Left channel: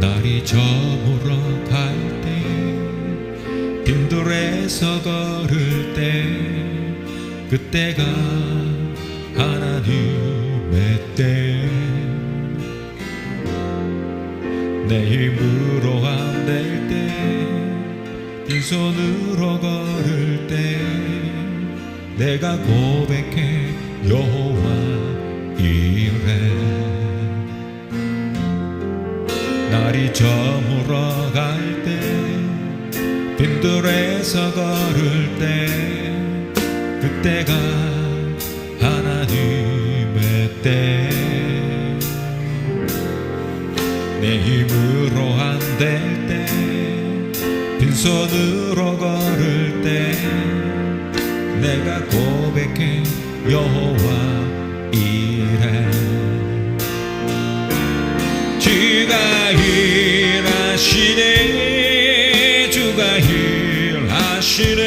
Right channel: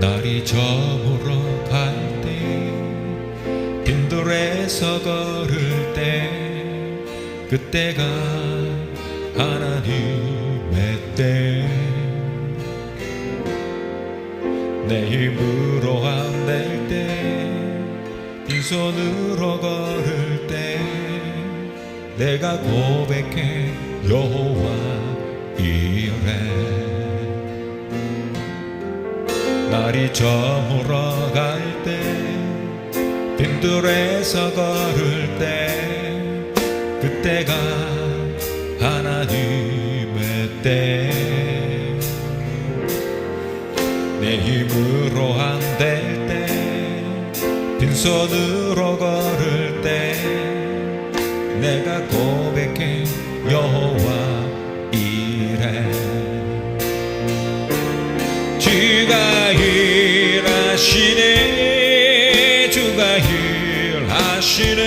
날이 저물어 갈 때 빈돌에서 걸을 때 그때가 하나님의 때 내 힘으로 안 될 때 빈손으로 걸을 때 내가 고백해 여호와 이래 날이 저물어 갈 때 빈들에서 걸을 때 그때가 하나님의 때 내 힘으로 안 될 때 빈손으로 걸을 때 내가 고백해 여호와 이래 주가 일하시네 주가 일하시네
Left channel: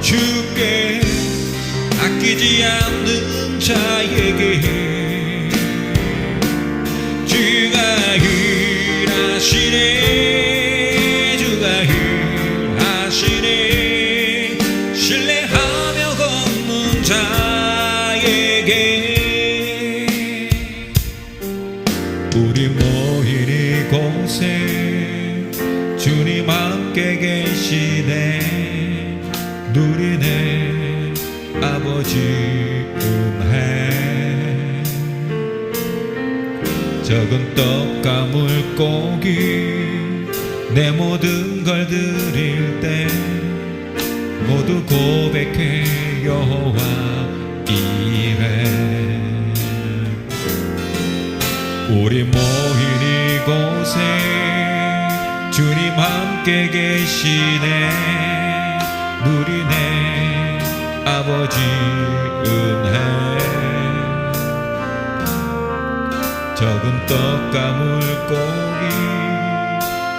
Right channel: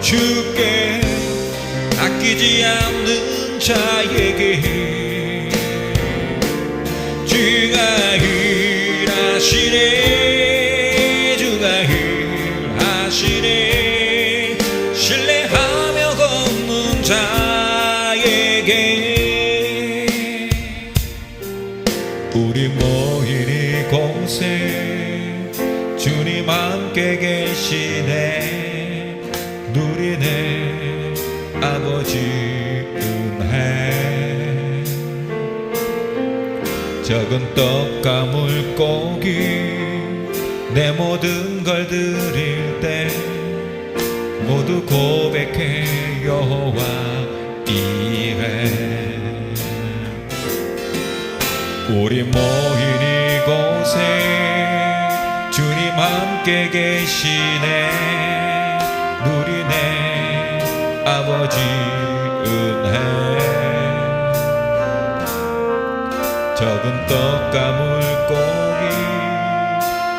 주께 아끼지 않는 자에게 주가 일하시네 주가 일하시네 신뢰하며 걷는 자에게 우리 모인 이곳에 주님 함께 계시네 누리네 아버지 은혜 적은 떡과 물고기 내 모든 걸 드릴 때 모두 고백해 여호와 이래 우리 모인 이곳에 주님 함께 계시네 누리네 아버지 은혜 적은 떡과 물고기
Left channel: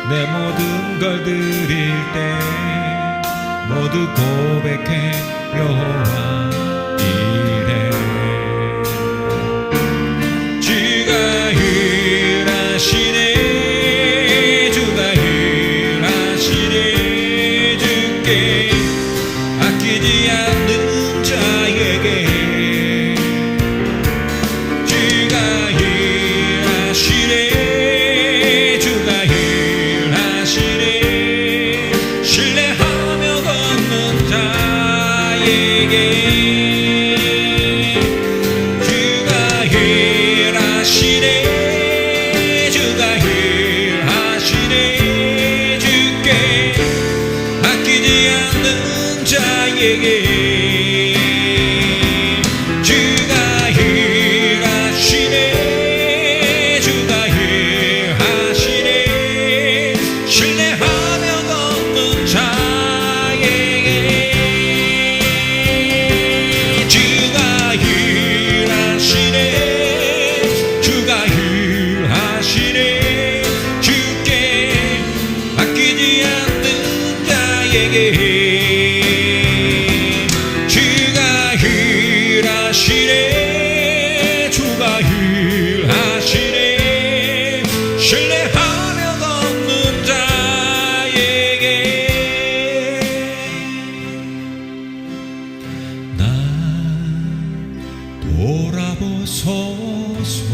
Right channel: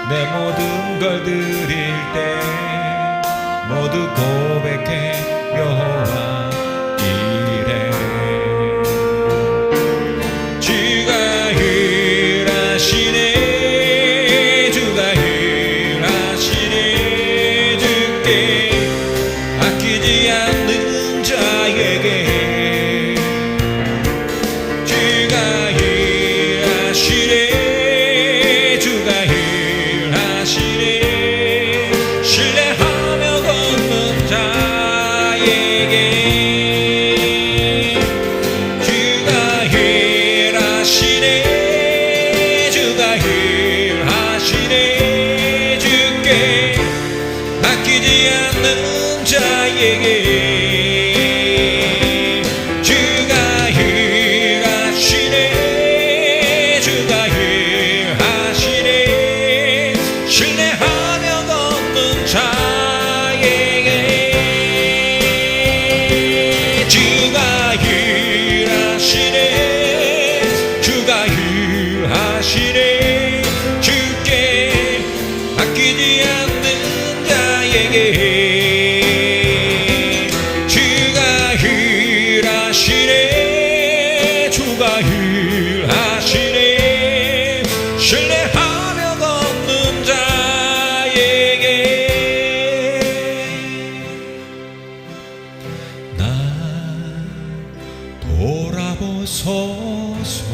내 모든 걸 드릴 때 모두 고백해 여호와 이래 주가 일하시네 주가 일하시네 주께 아끼지 않는 자에게 주가 일하시네 주가 일하시네 신뢰하며 걷는 자에게 주가 일하시네 주가 일하시네 주께 아끼지 않는 자에게 주가 일하시네 주가 일하시네 신뢰하며 걷는 자에게 주가 일하시네 주가 일하시네 주께 아끼지 않는 자에게 주가 일하시네 주가 일하시네 신뢰하며 걷는 자에게 나 돌아보소서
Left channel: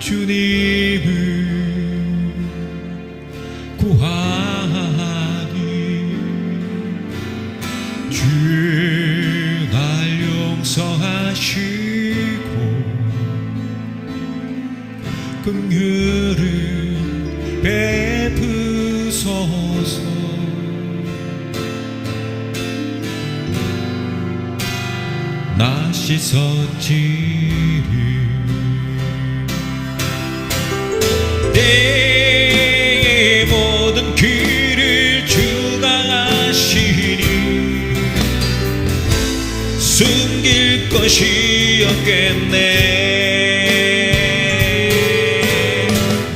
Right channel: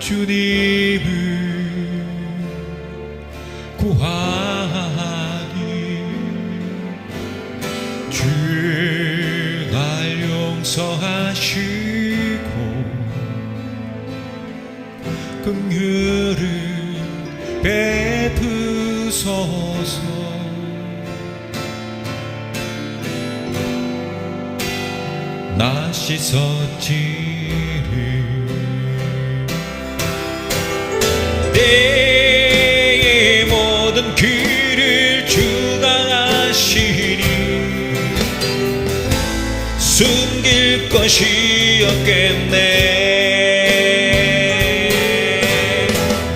주님을 구하니 주가 용서하시고 긍휼을 베푸소서 나 씻었지를 내 모든 길을 주가 아시니 숨길 것이 없겠네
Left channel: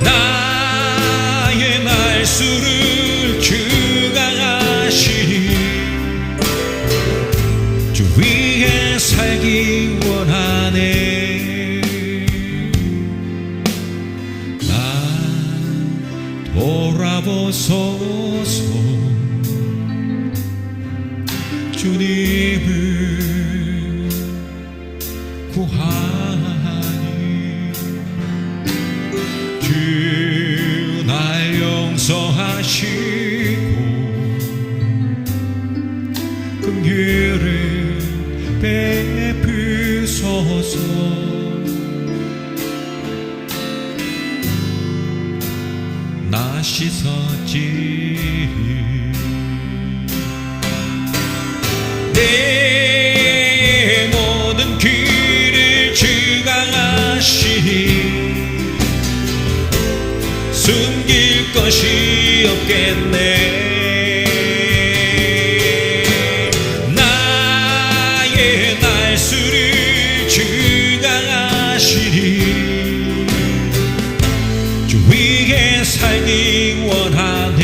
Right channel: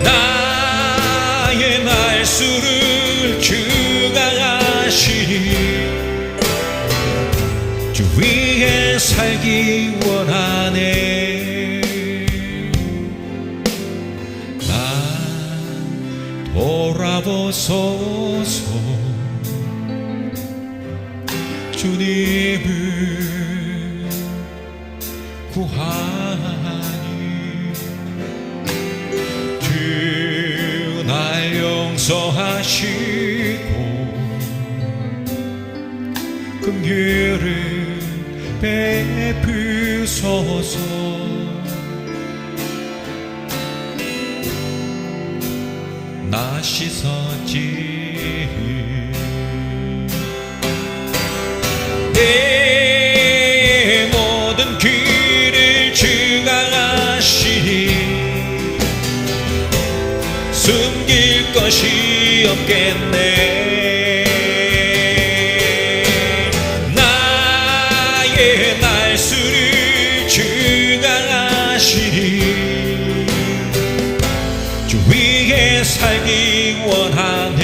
나의 날수를 주가 아시니 주 위에 살기 원하네 돌아보소서. 주님을 구하니 주 날 용서하시고 긍휼을 베푸소서. 나 씻었지 내 모든 길을 주가 아시니 숨길 것이 없겠네. 나의 날수를 주가 아시니 주 위에 살기 원하네.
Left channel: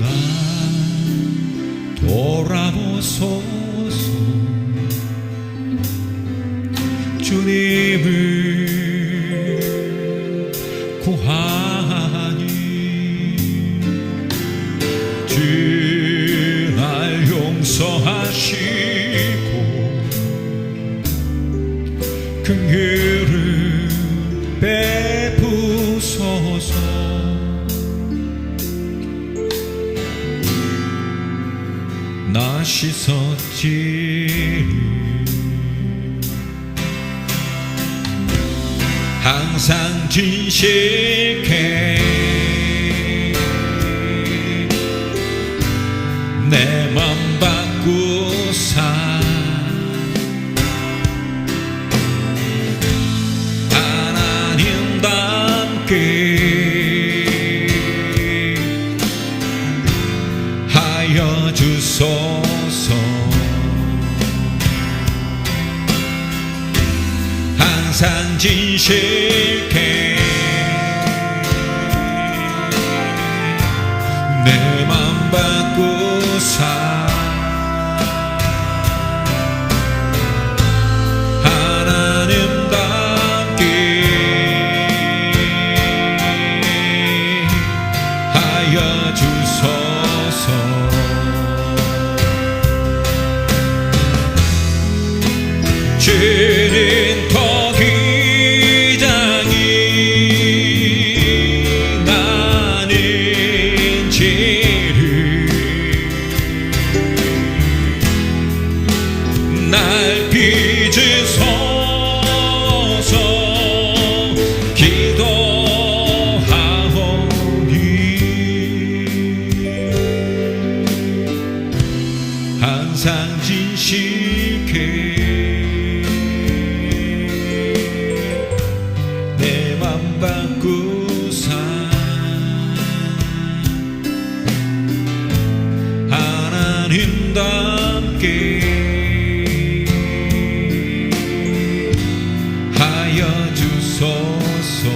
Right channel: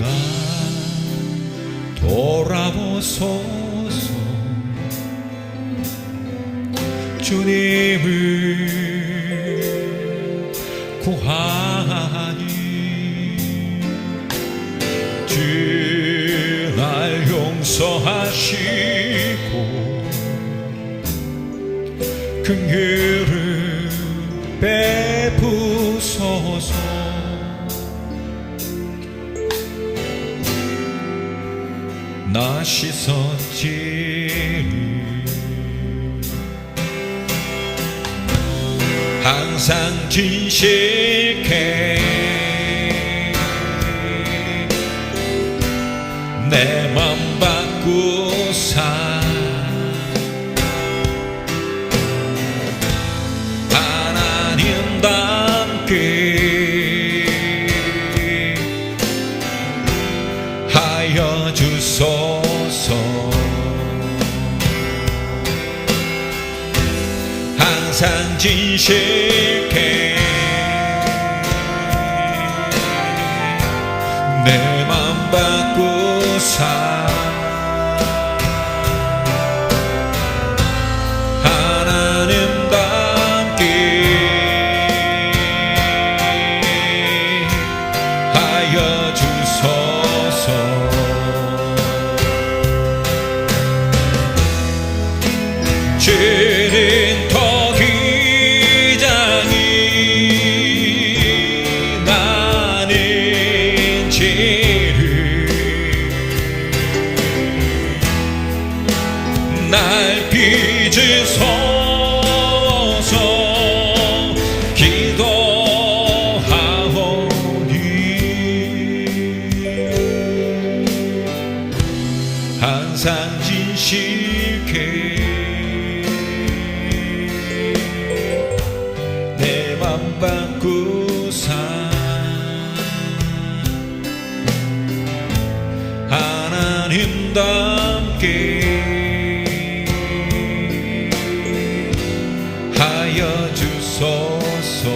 나 돌아보소서. 주님을 구하니 주 날 용서하시고 긍휼을 베푸소서. 나 씻었지 항상 진실해 내 맘 바꾸사 하나님답게 하여 주소서. 항상 진실해 내 맘 바꾸사 하나님답게 하여 주소서. 죄는 더 귀자니 나는 죄를 날 빚으소서. 기도하오니 항상 진실해 내 맘 바꾸사 하나님답게 하여 주소서.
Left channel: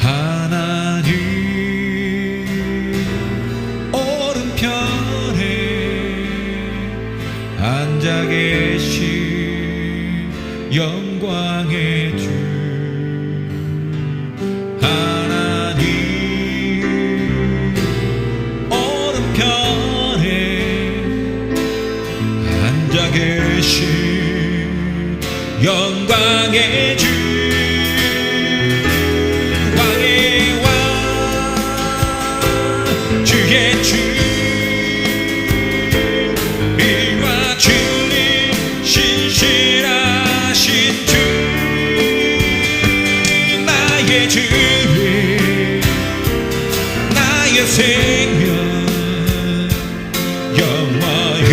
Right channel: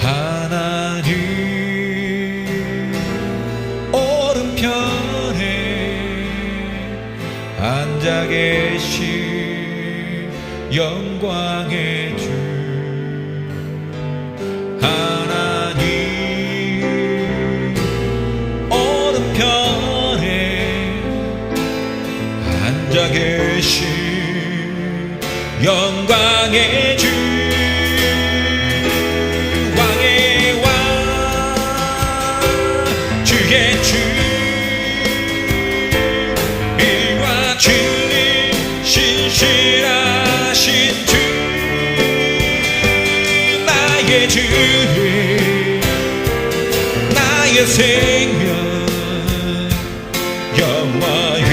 하나님 오른편에 앉아 계신 영광의 주 하나님 오른편에 앉아 계신 영광의 주 왕의 왕 주의 주 이와 진리 신실하신 주 나의 주 나의 생명 영원히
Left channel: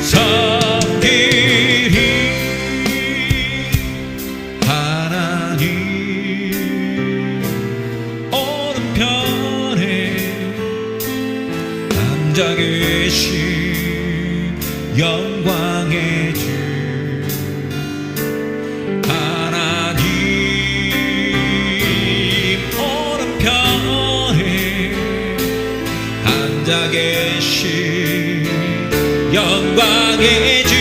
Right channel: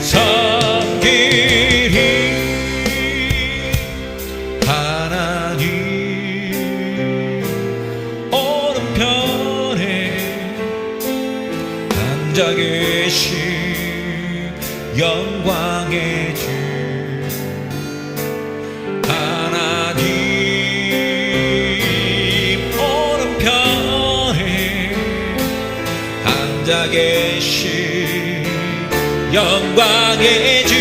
섬기리. 하나님 오른편에 앉아 계신 영광의 주 하나님 오른편에 앉아 계신 영광의 주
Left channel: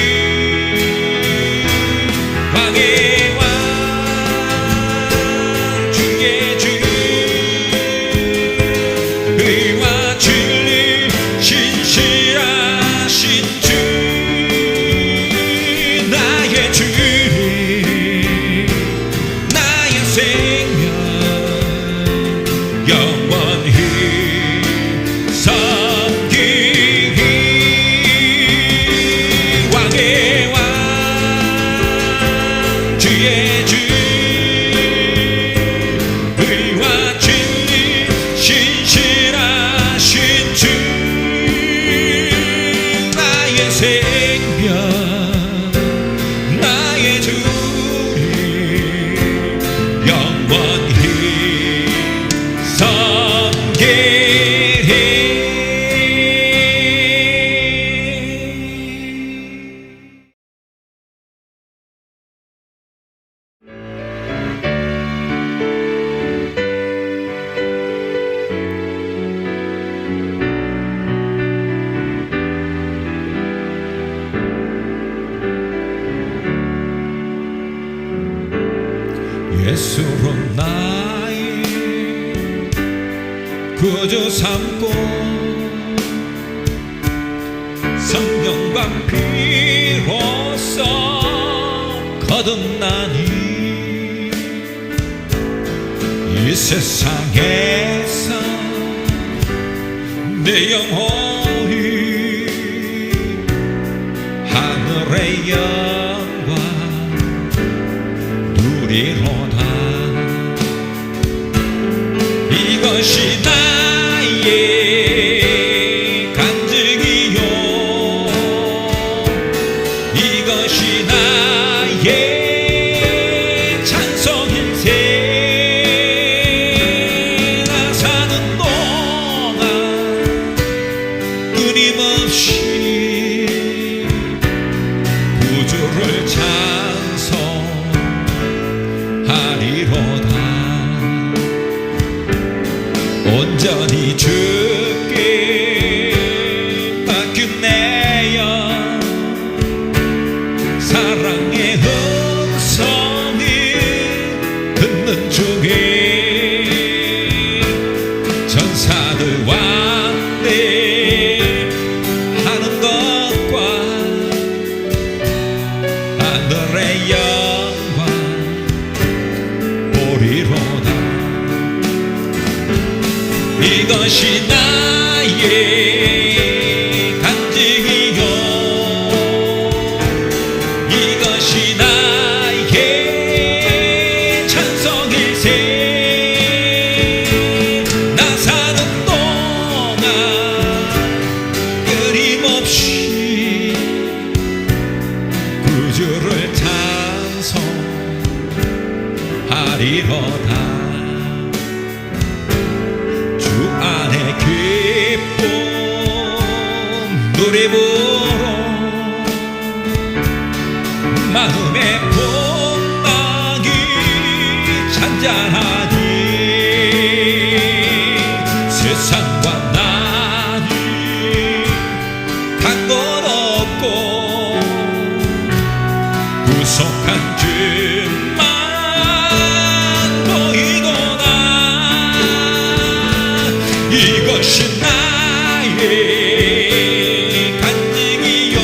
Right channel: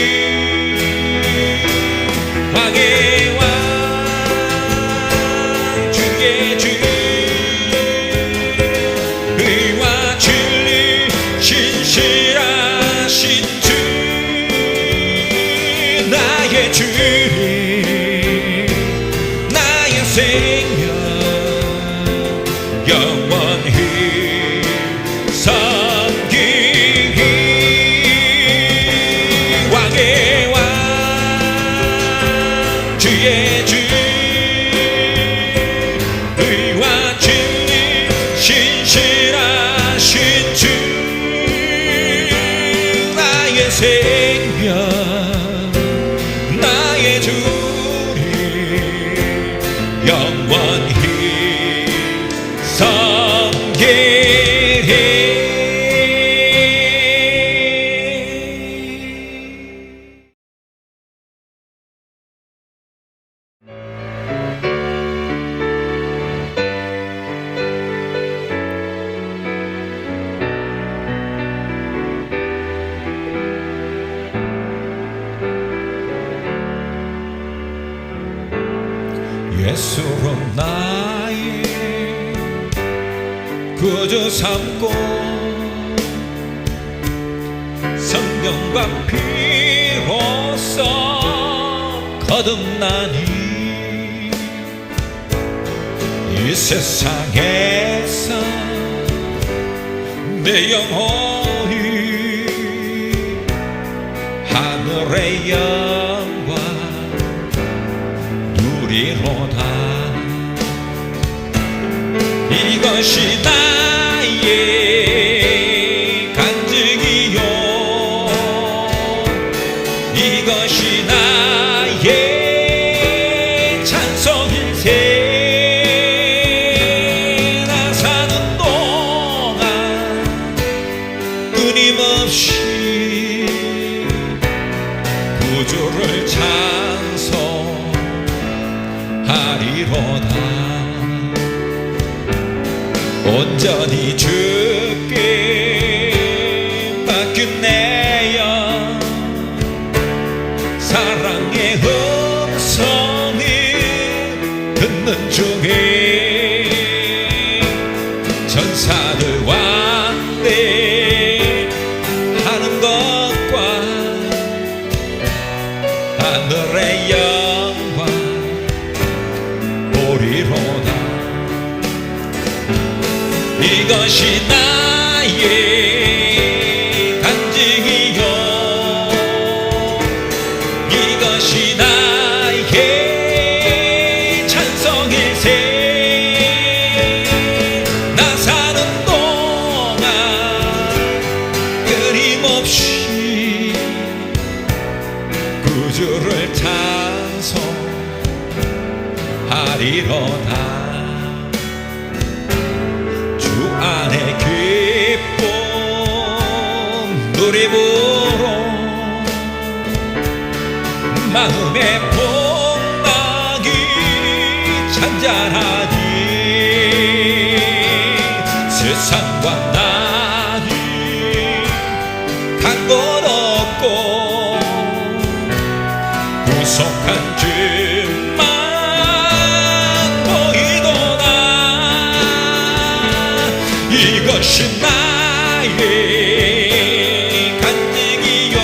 삼고 성령과 피로써 거듭나니 이 세상에서 내 영혼이 하늘의 영광 누리로다. 이것이 나의 간증이요 이것이 나의 찬송일세. 나 사는 동안 끊임없이 구주를 찬송하리로다. 온전히 주께 맡긴 내 영 사랑의 음성이 듣는 중에 전사들 왔네 하는 것과 하늘의 영광 보리로다. 이것이 나의 간증이요 이것이 나의 찬송일세. 나 사는 동안 끊임없이 구주를 찬송하리로다. 주 안에 기쁨 노래 부르 마음의 복락이 찬잔하니 세상과 나니 간 것 없고 구속한 길만 보이도다. 이것이 나의 간증이요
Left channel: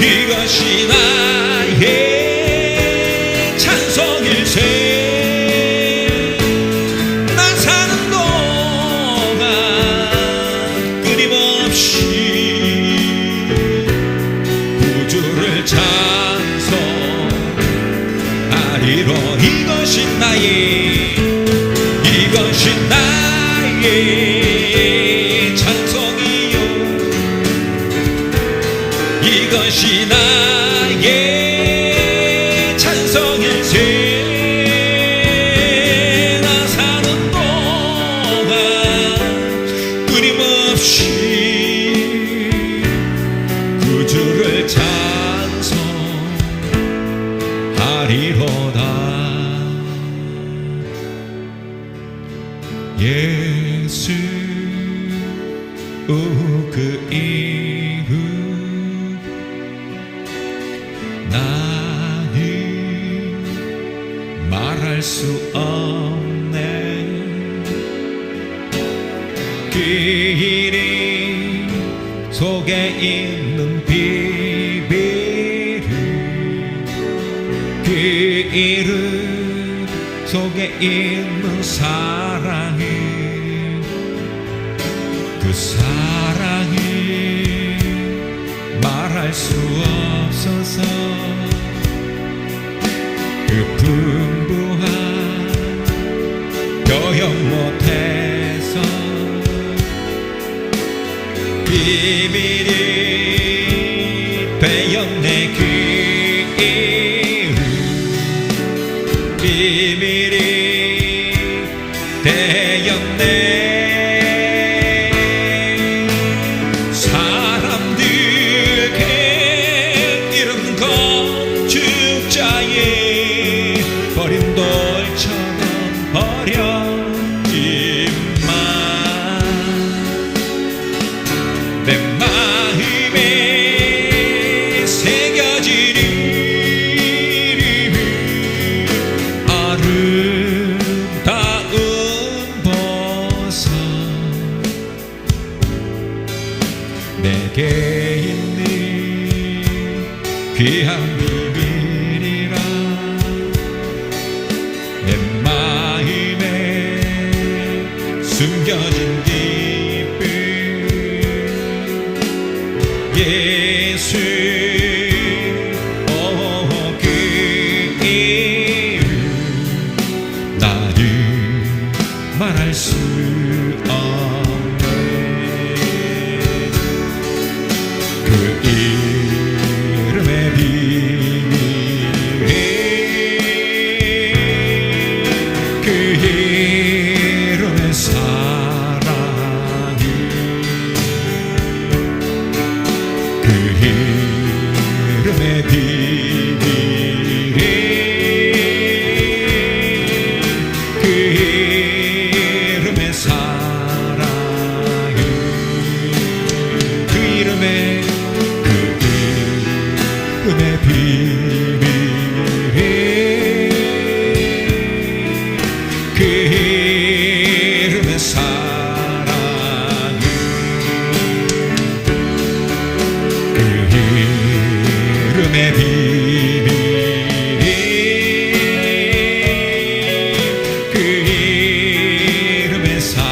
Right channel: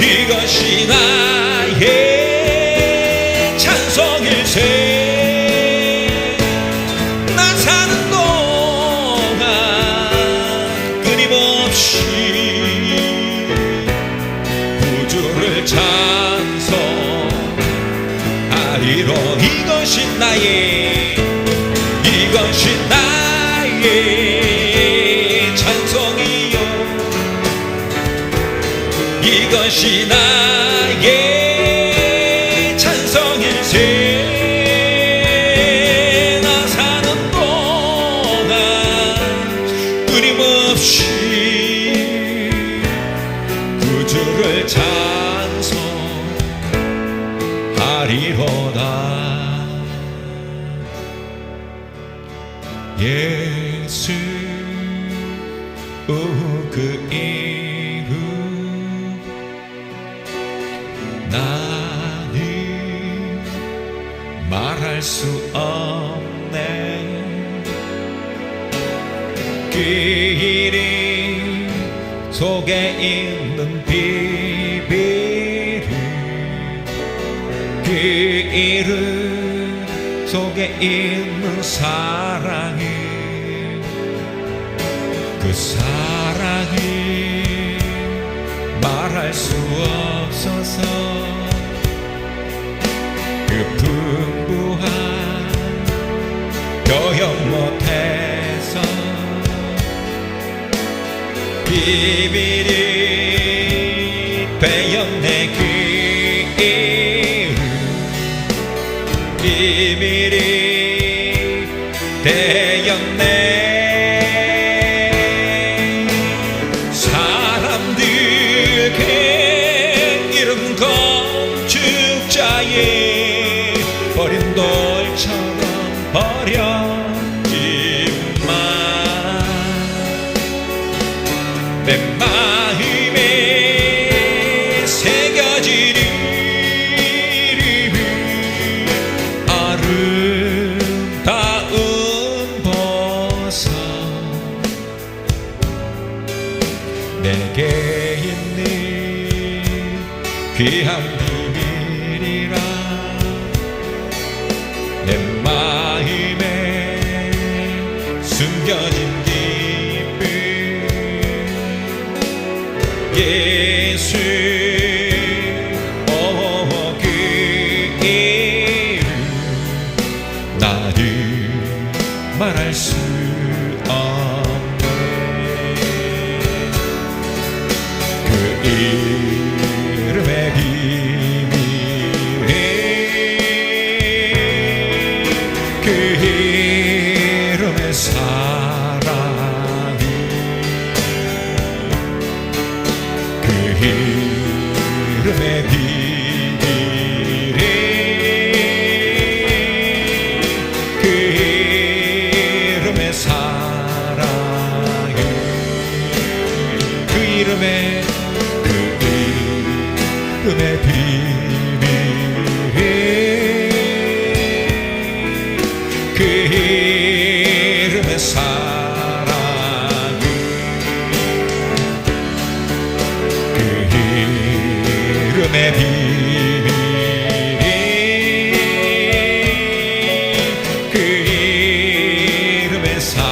이것이 나의 찬송일세. 나 사는 동안 끊임없이 구주를 찬송하리로. 이것이 나의 이것이 나의 찬송이요 이것이 나의 찬송일세. 나 사는 동안 끊임없이 구주를 찬송하리로다. 예수 그 이름 나는 말할 수 없네. 그 이름 속에 있는 비밀을 그 이름 속에 있는 사랑을 그 사랑이 말할 수 없어서 그 풍부한 표현 못해서 비밀이 되었네. 그 이름 비밀이 되었네. 사람들에게 귀한 비밀이라 내 마음에 숨겨진 기쁨 예수 그 이름 나를 말할 수 없네 그 이름의 비밀 그 이름의 사랑이 그 이름의 비밀 그 이름의 사랑이 그 이름의 비밀 그 이름의 사랑이 그 이름의 비밀 그 이름의 사랑이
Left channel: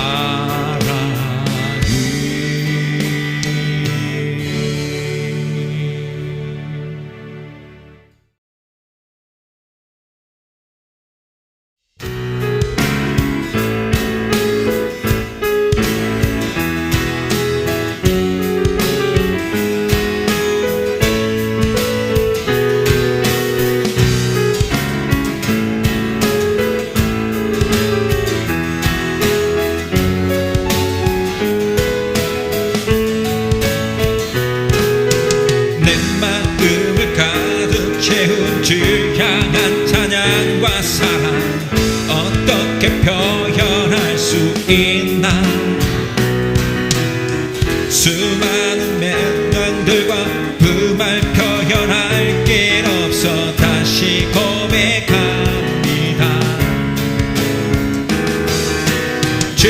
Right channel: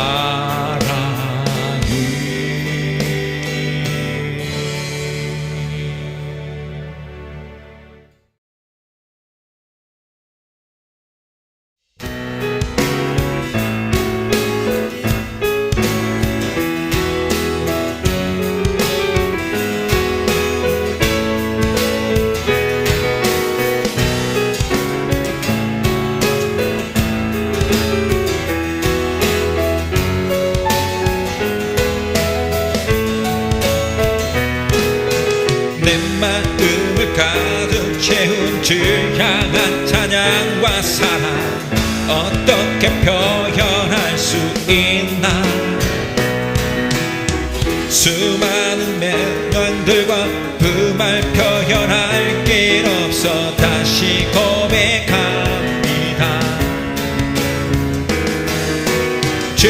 내 마음을 가득 채운 주 향한 찬양과 사랑 어떻게 표현할 수 있나 수많은 멜론들과 그 말 표현할 길 없어 다시 고백합니다 주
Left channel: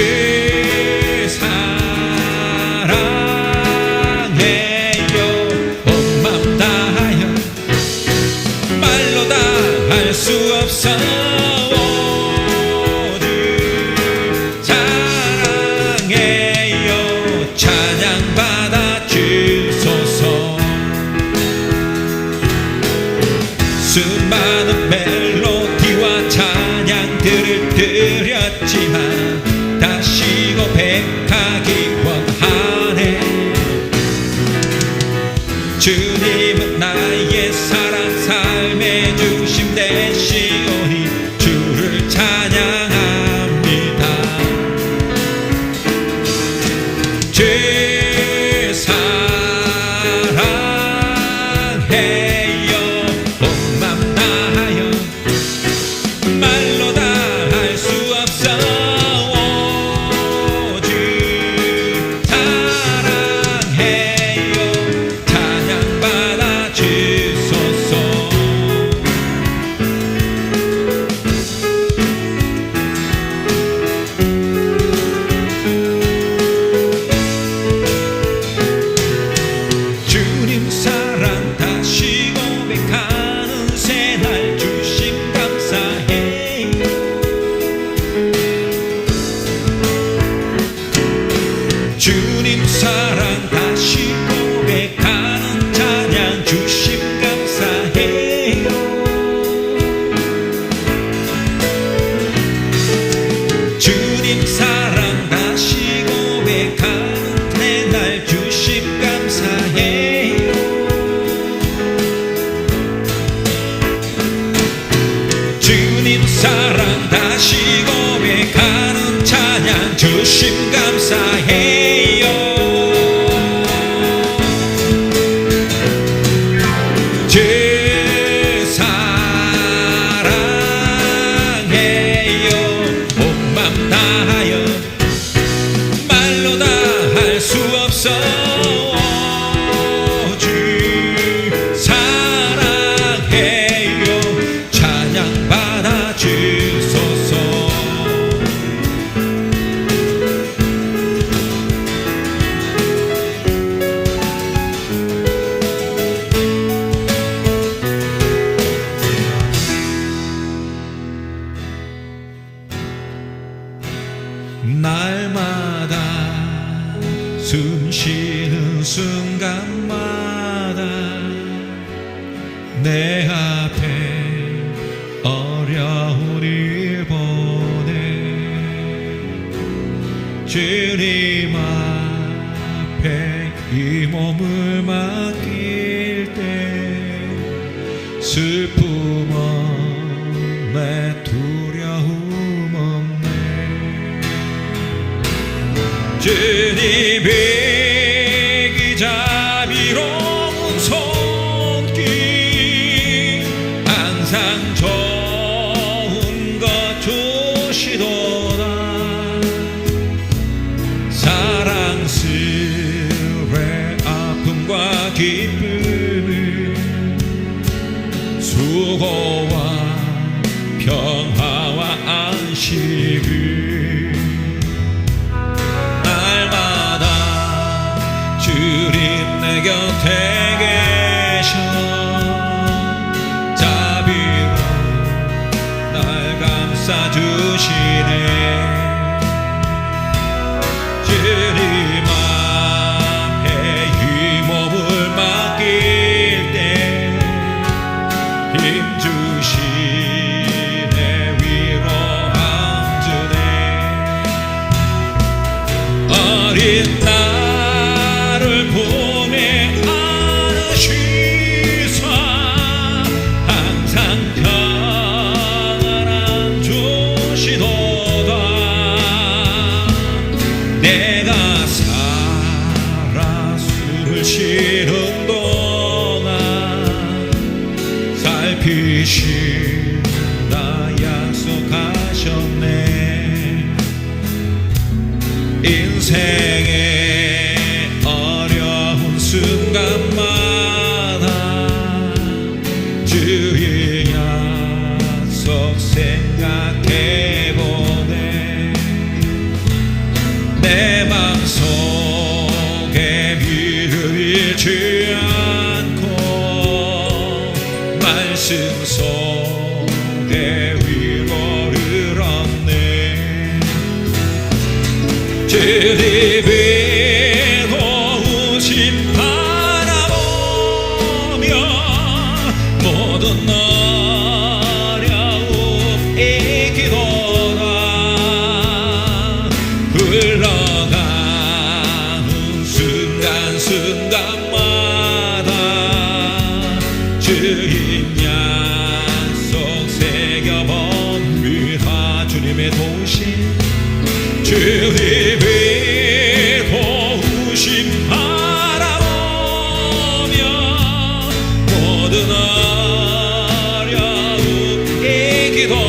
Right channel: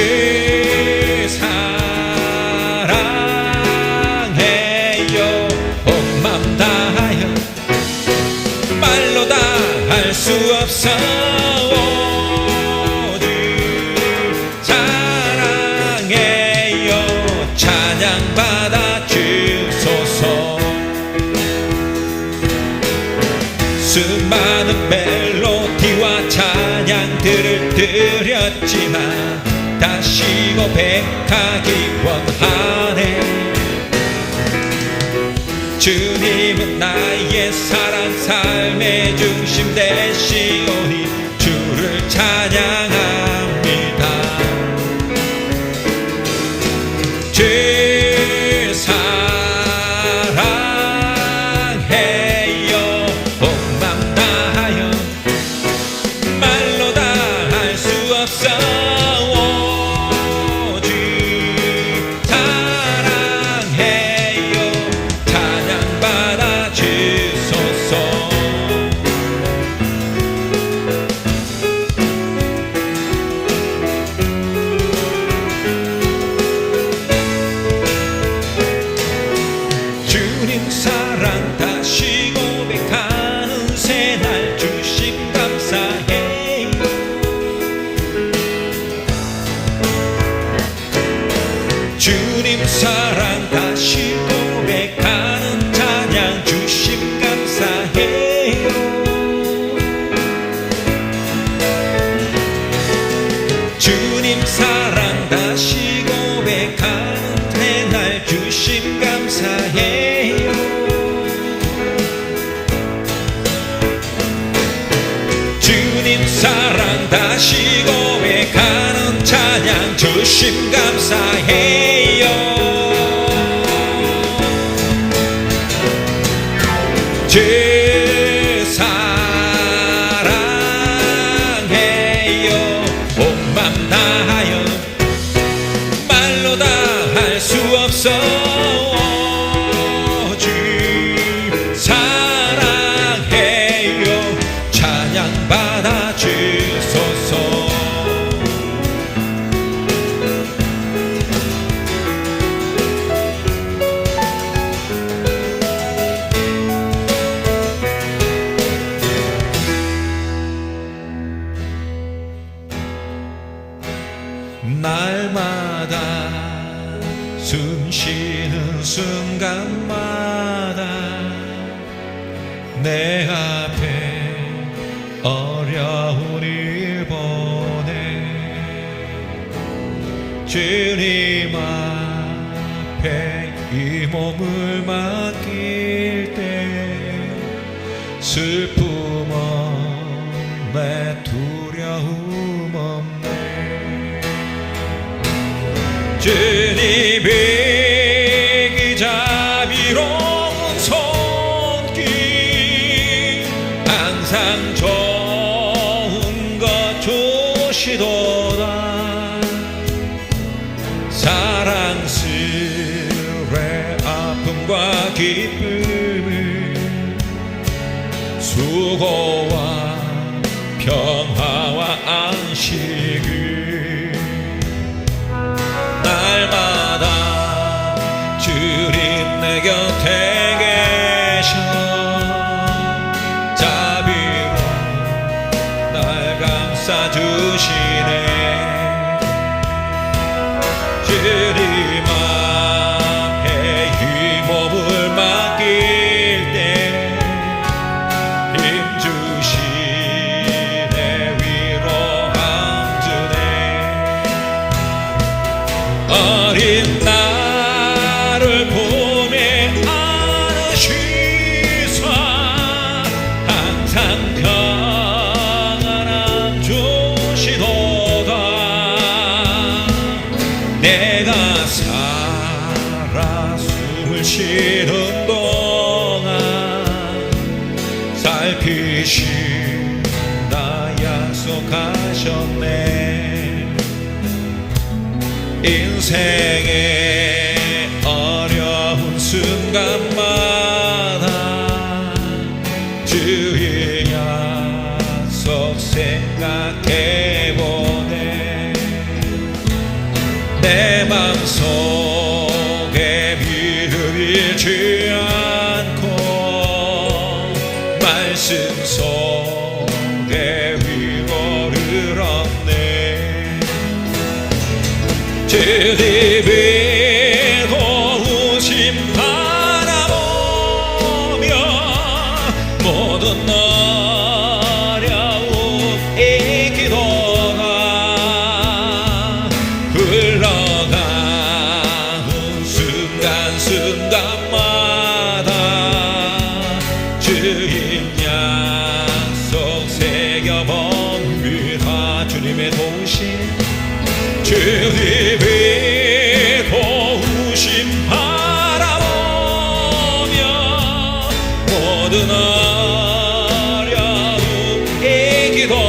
사랑해요 온 맘 다하여 말로 다 할 수 없어 오직 사랑해요 찬양받아 주소서 수많은 멜로디와 찬양들을 드렸지만 다시 고백하기 원하네 주님은 나의 사랑 삶의 중심 되시오니 주를 찬양합니다 주 사랑해요 온 맘 다하여 말로 다 할 수 없어 오직 사랑해요 찬양받아 주소서 주님 사랑 다시 고백하는 새날 주심 감사해 주님 사랑 다시 고백하는 찬양 주심 감사해 주님 사랑 다시 고백하는 새날 주심 감사해 주님 사랑 다시 고백하는 찬양 주심 감사해요 주 사랑해요 온 맘 다하여 말로 다 할 수 없어 주 사랑해요 찬양받아 주소서 주님 앞에 이 몸을 맡길 때 슬픔 없네 두려움 없네 주님이 기자비로운 손길 항상 좋은 것 주시도다 사랑스레 아픔과 기쁨을 수고와 평화와 안식을 날마다 주님 내 곁에 계셔 자비로 날 감싸주시네 주님 앞에 이 몸을 맡길 때 힘주시네 위로함 주네 어린 나를 보내 안으시사 항상 평안함 주시도다 내가 살아 숨을 쉬는 동안 살피신다 약속하셨네 인생의 어려운 순간마다 주의 약속 생각해보네 내 맘속에 밀지 않고 말씀 속에 위로를 얻네 주님의 도우심 바라보며 모든 어려움 이기도다 흘러가는 순간순간마다 주님 약속 새겨봅니다 주님의 도우심 주님의 도우심 바라보며 모든 어려움 이기도다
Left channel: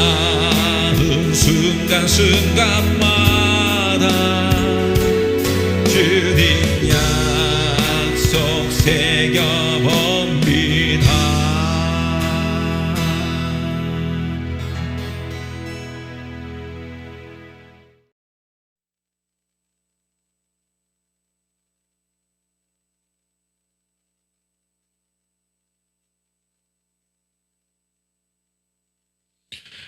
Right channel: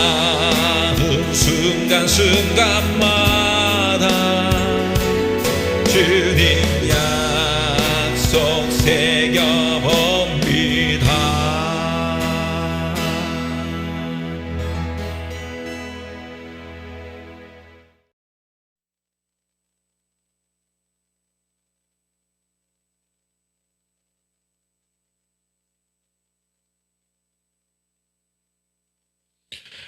흘러가는 순간순간마다 주님 약속 새겨봅니다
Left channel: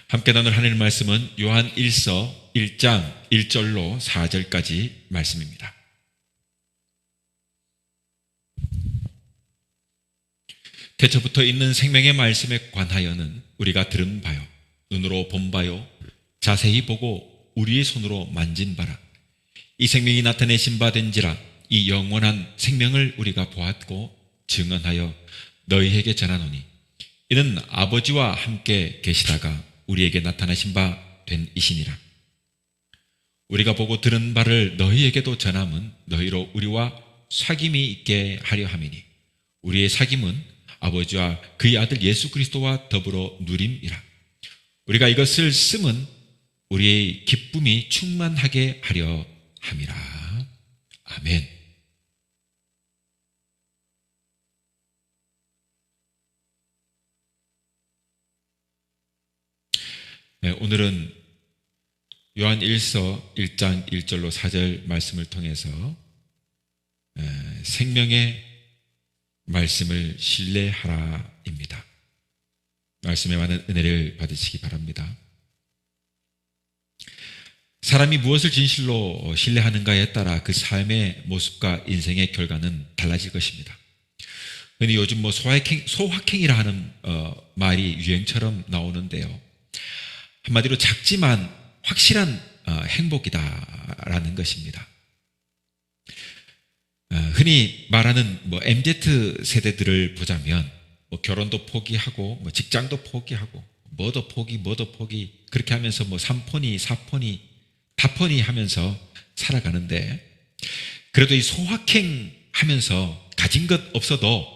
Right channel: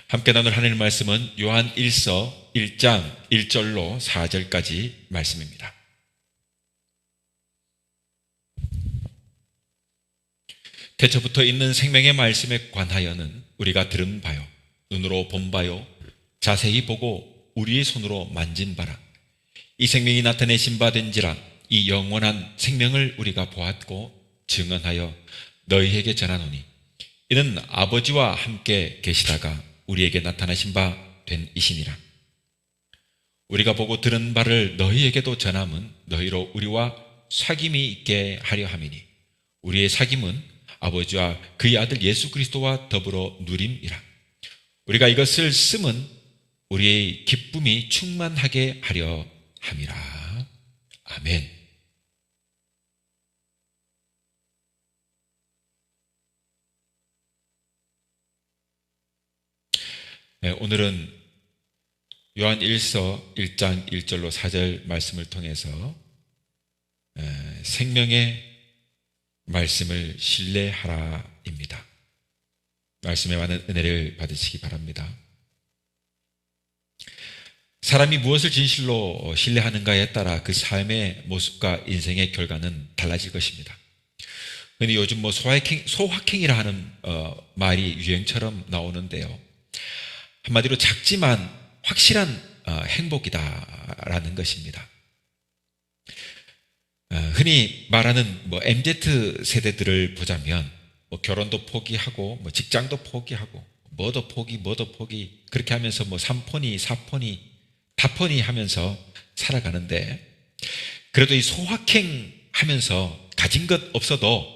함께 나눌 하나님 말씀은 요한 1서 1장 1절로 4절까지 말씀입니다. 태초부터 있는 생명의 말씀에 관하여는 우리가 들은 바요 눈으로 본 바요 자세히 보고 우리의 손으로 만진 바라 이 생명이 나타내신 바 된지라 이 영원한 생명을 우리가 보았고 증언하여 너희에게 전하노니 이는 아버지와 함께 계시다가 우리에게 나타나신 바 된 이시니라 우리가 보고 들은 바를 너희에게도 전함은 너희로 우리와 사귐이 있게 하려 함이니 우리의 사귐은 아버지와 그의 아들 예수 그리스도와 더불어 누림이라 우리가 이것을 쓰면 우리의 기쁨이 충만하게 하려 함이라 아멘. 네, 오늘은 요한 1서 1장 1절로 4절 말씀을 통해서 생명의 말씀을 신뢰하라입니다. 말씀에 많은 은혜를 받으시기 바랍니다. 사람이 무엇을 진실로 신뢰하는가에 따라 그 삶의 모습과 인생의 결과는 달라질 것입니다. 근데 요즘 소확행이라 하는 말이 유행처럼 나오는데요. 한마디로 작지만 확실한 행복이다라는 것입니다. 흔히 말하는 MZ 세대들을 보자면 결혼도 포기하고 직장도 포기하고 뭐도 포기 그렇게 하면서 3포니 4포니 다포니 하면서 살아가는데, 그래도 이 소확행 하면서 가진 것 없어도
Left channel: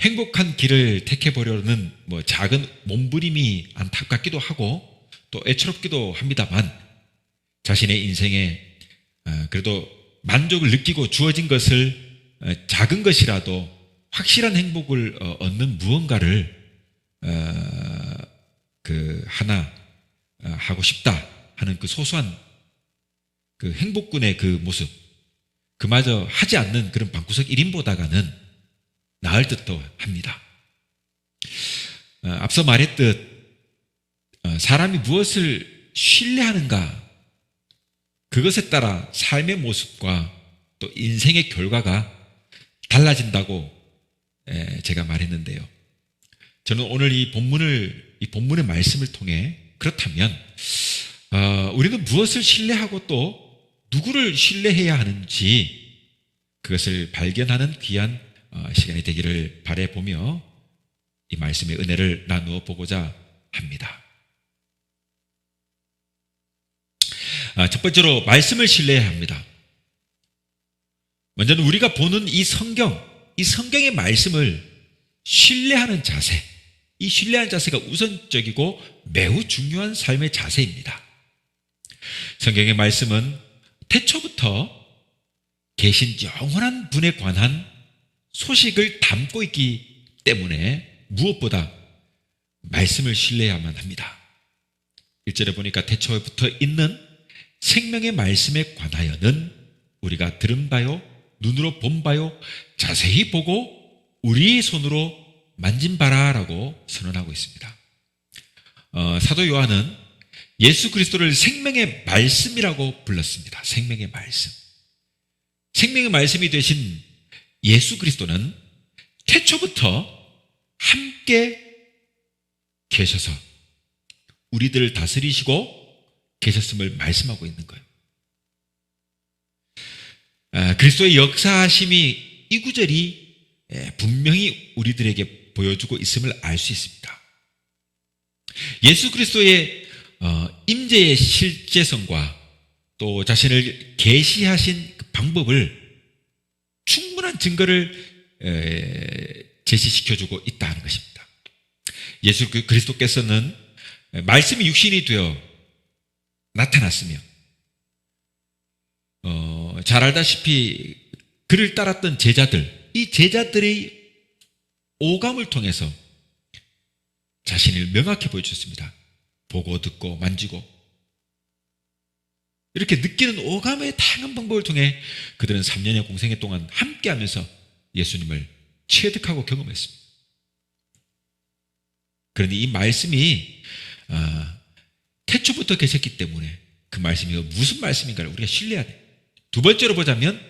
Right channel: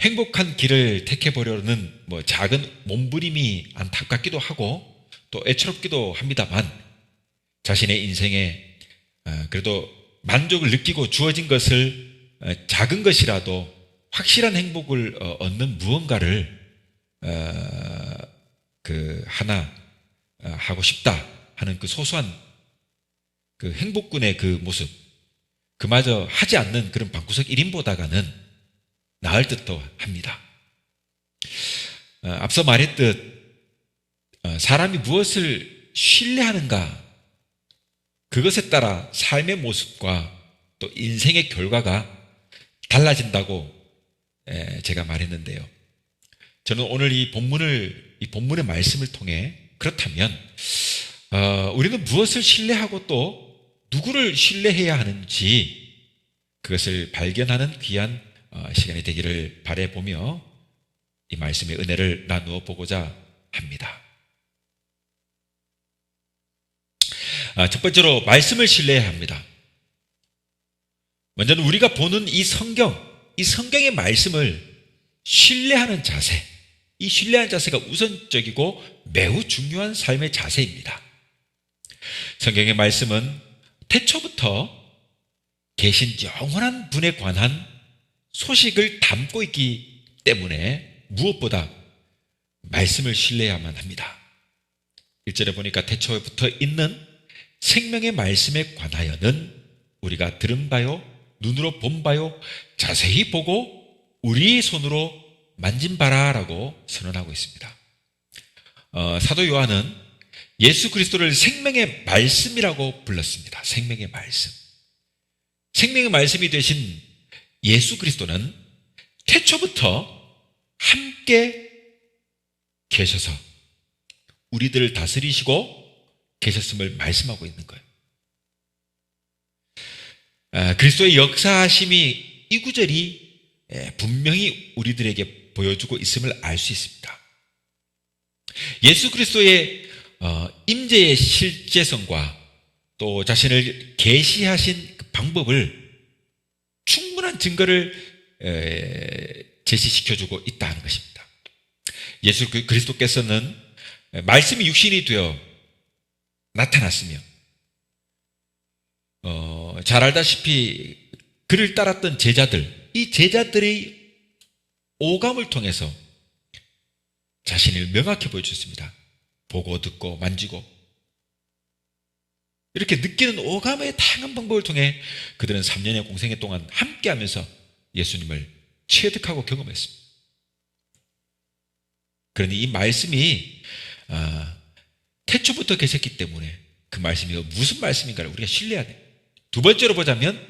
행복한 길을 택해보려는 작은 몸부림이 안타깝기도 하고 또 애처롭기도 합니다만, 자신의 인생에 그래도 만족을 느끼고 주어진 것을 작은 것이라도 확실한 행복을 얻는 무언가를 하나 하고 싶다 하는 그 소소한 그 행복군의 그 모습, 그마저 하지 않는 그런 방구석 1인보다가는 나을 듯도 합니다. 앞서 말했듯 사람이 무엇을 신뢰하는가, 그것에 따라 삶의 모습과 또 인생의 결과가 달라진다고 제가 말했는데요. 저는 오늘 이 본문의 말씀을 통해 그렇다면 우리는 무엇을 신뢰하고 또 누구를 신뢰해야 하는지 그것을 발견하는 귀한 시간이 되기를 바라보며 이 말씀의 은혜를 나누어 보고자 합니다. 첫 번째로 말씀을 신뢰해야 합니다. 먼저는 우리가 보는 이 성경의 말씀을 신뢰하는 자세, 이 신뢰하는 자세가 우선적이고 매우 중요한 삶의 자세입니다. 성경의 말씀은 태초부터 계신 영원한 분에 관한 소식을 담고 있기 때문에 무엇보다 말씀을 신뢰해야만 합니다. 1절에 보니까 태초부터 있는 생명의 말씀에 관하여는 우리가 들은 바요, 눈으로 본 바요, 자세히 보고 우리 손으로 만진 바라라고 선언하고 있습니다. 사도 요한은 예수 그리스도를 생명의 말씀이라고 불렀습니다. 생명의 말씀. 생명의 말씀이 되신 예수 그리스도는 태초부터 함께 계셔서 우리들을 다스리시고 계셨음을 말씀하고 있는 거예요. 그리스도의 역사하심이 이 구절이 분명히 우리들에게 보여주고 있음을 알 수 있습니다. 예수 그리스도의 임재의 실제성과 또 자신을 계시하신 그 방법을 충분한 증거를 제시시켜주고 있다는 것입니다. 예수 그리스도께서는 말씀이 육신이 되어 나타났으며 잘 알다시피 그를 따랐던 제자들, 이 제자들의 오감을 통해서 자신을 명확히 보여주셨습니다. 보고 듣고 만지고 이렇게 느끼는 오감의 다양한 방법을 통해 그들은 3년의 공생애 동안 함께하면서 예수님을 체득하고 경험했습니다. 그러니 이 말씀이 태초부터 계셨기 때문에 그 말씀이 무슨 말씀인가를 우리가 신뢰해야 돼요. 두 번째로 보자면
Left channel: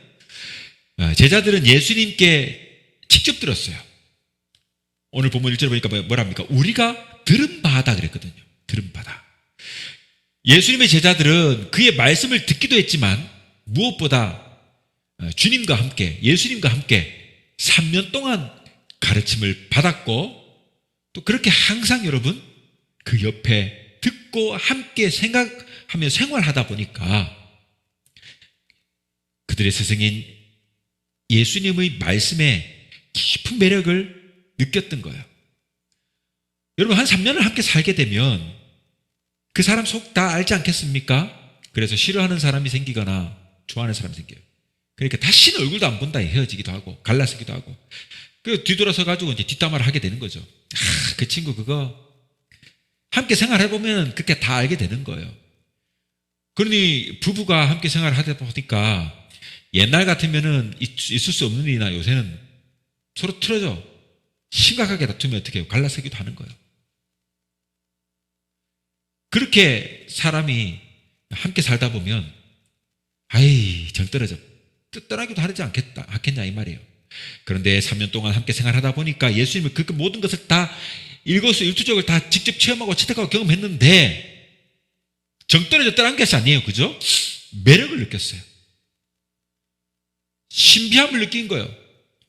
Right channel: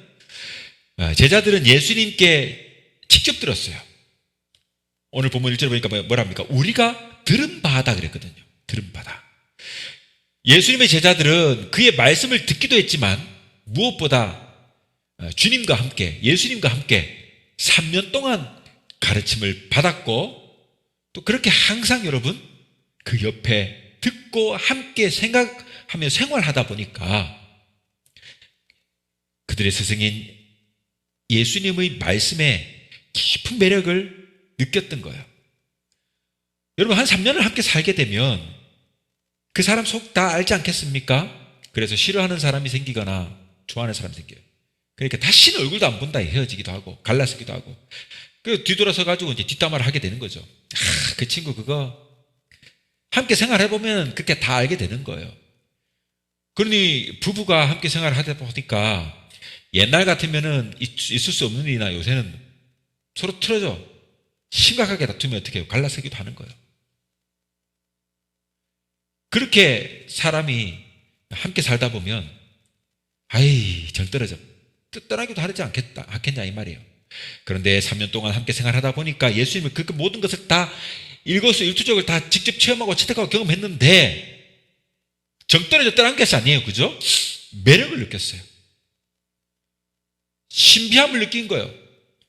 제자들은 예수님께 직접 들었어요. 오늘 본문 1절에 보니까 뭐랍니까? 우리가 들은 바다 그랬거든요. 들은 바다. 예수님의 제자들은 그의 말씀을 듣기도 했지만 무엇보다 주님과 함께, 예수님과 함께 3년 동안 가르침을 받았고 또 그렇게 항상 여러분 그 옆에 듣고 함께 생각하며 생활하다 보니까 그들의 스승인 예수님의 말씀에 깊은 매력을 느꼈던 거예요. 여러분 한 3년을 함께 살게 되면 그 사람 속 다 알지 않겠습니까? 그래서 싫어하는 사람이 생기거나 좋아하는 사람이 생겨요. 그러니까 다시는 얼굴도 안 본다 헤어지기도 하고 갈라서기도 하고 그 뒤돌아서 가지고 이제 뒷담화를 하게 되는 거죠. 그 친구 그거 함께 생활해보면 그렇게 다 알게 되는 거예요. 그러니 부부가 함께 생활을 하다 보니까 옛날 같으면은 있을 수 없는 일이나 요새는 서로 틀어져 심각하게 다투면 어떻게 해요? 갈라서기도 하는 거예요. 그렇게 사람이 함께 살다 보면 전 떨어져 떠나기도 하지 않겠냐 이 말이에요. 그런데 3년 동안 함께 생활하다 보니까 예수님은 그 모든 것을 다 일거수일투족을 다 직접 체험하고 체득하고 경험했는데 정 떨어졌다는 것이 아니에요. 그죠? 매력을 느꼈어요. 신비함을 느낀 거예요.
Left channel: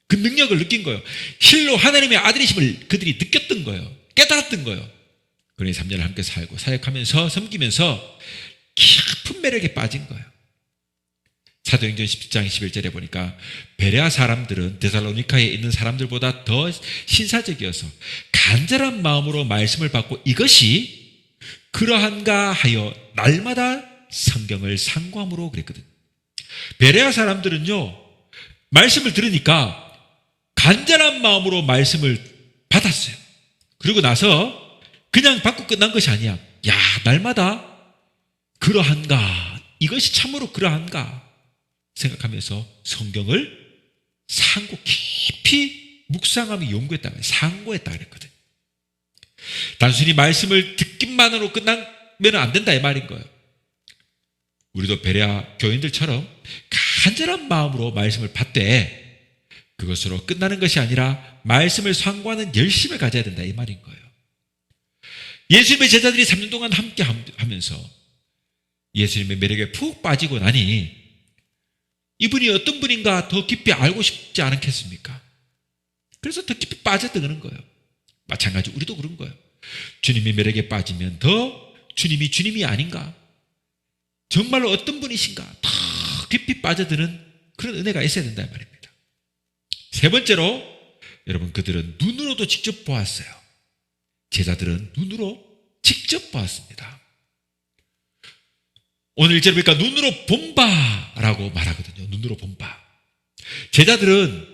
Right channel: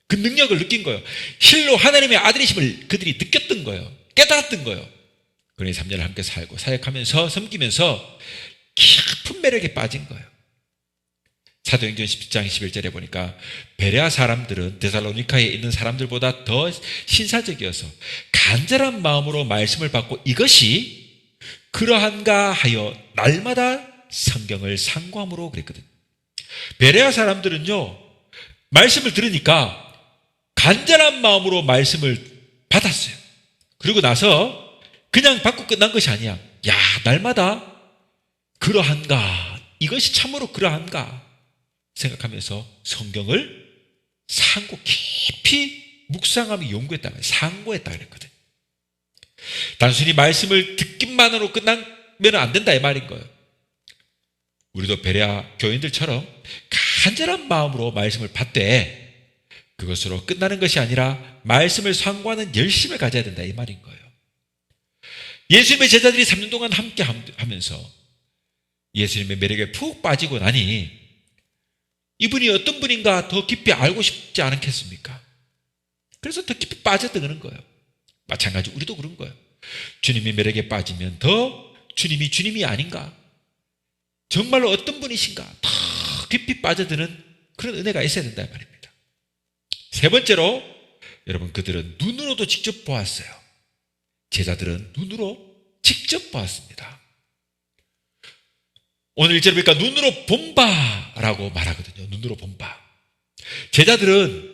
그 능력을 느낀 거예요. 실로 하나님의 아들이심을 그들이 느꼈던 거예요. 깨달았던 거예요. 그러니 3년을 함께 살고 사역하면서 섬기면서 깊은 매력에 빠진 거예요. 사도행전 17장 11절에 보니까 베레아 사람들은 데살로니카에 있는 사람들보다 더 신사적이어서 간절한 마음으로 말씀을 받고 이것이 그러한가 하여 날마다 성경을 상고함으로 그랬거든요. 베레아 사람들은요, 말씀을 들으니까 간절한 마음으로 말씀을 받았어요. 그리고 나서 그냥 받고 끝난 것이 아니야. 야, 날마다 그러한가, 이것이 참으로 그러한가 생각하면서 성경을 상고 깊이 묵상하며 연구했다, 상고했다 그랬거든요. 단순히 말씀을 듣기만으로 끝나면 안 된다 이 말인 거예요. 우리도 베레아 교인들처럼 간절한 마음으로 말씀을 받되 그것으로 끝나는 것이 아니라 말씀을 상고하는 열심을 가져야 된다 이 말인 거예요. 예수님의 제자들이 3년 동안 함께 하면서 예수님의 매력에 푹 빠지고 나니 이분이 어떤 분인가 더 깊이 알고 싶지 않겠습니까? 그래서 더 깊이 빠졌다 그런 거예요. 마찬가지 우리도 그런 거예요. 주님의 매력에 빠지면 더 주님이 아닌가? 정말로 어떤 분이신가? 더 깊이 빠져드는 그런 은혜가 있어야 된다 말입니다. 세 번째로, 여러분, 그들은 눈으로도 직접 보았어요. 제자들은 눈으로 직접 보았습니다. 오늘 1절에 보니까 눈으로 본 바라고 말하거든요. 눈으로 본 바. 제자들은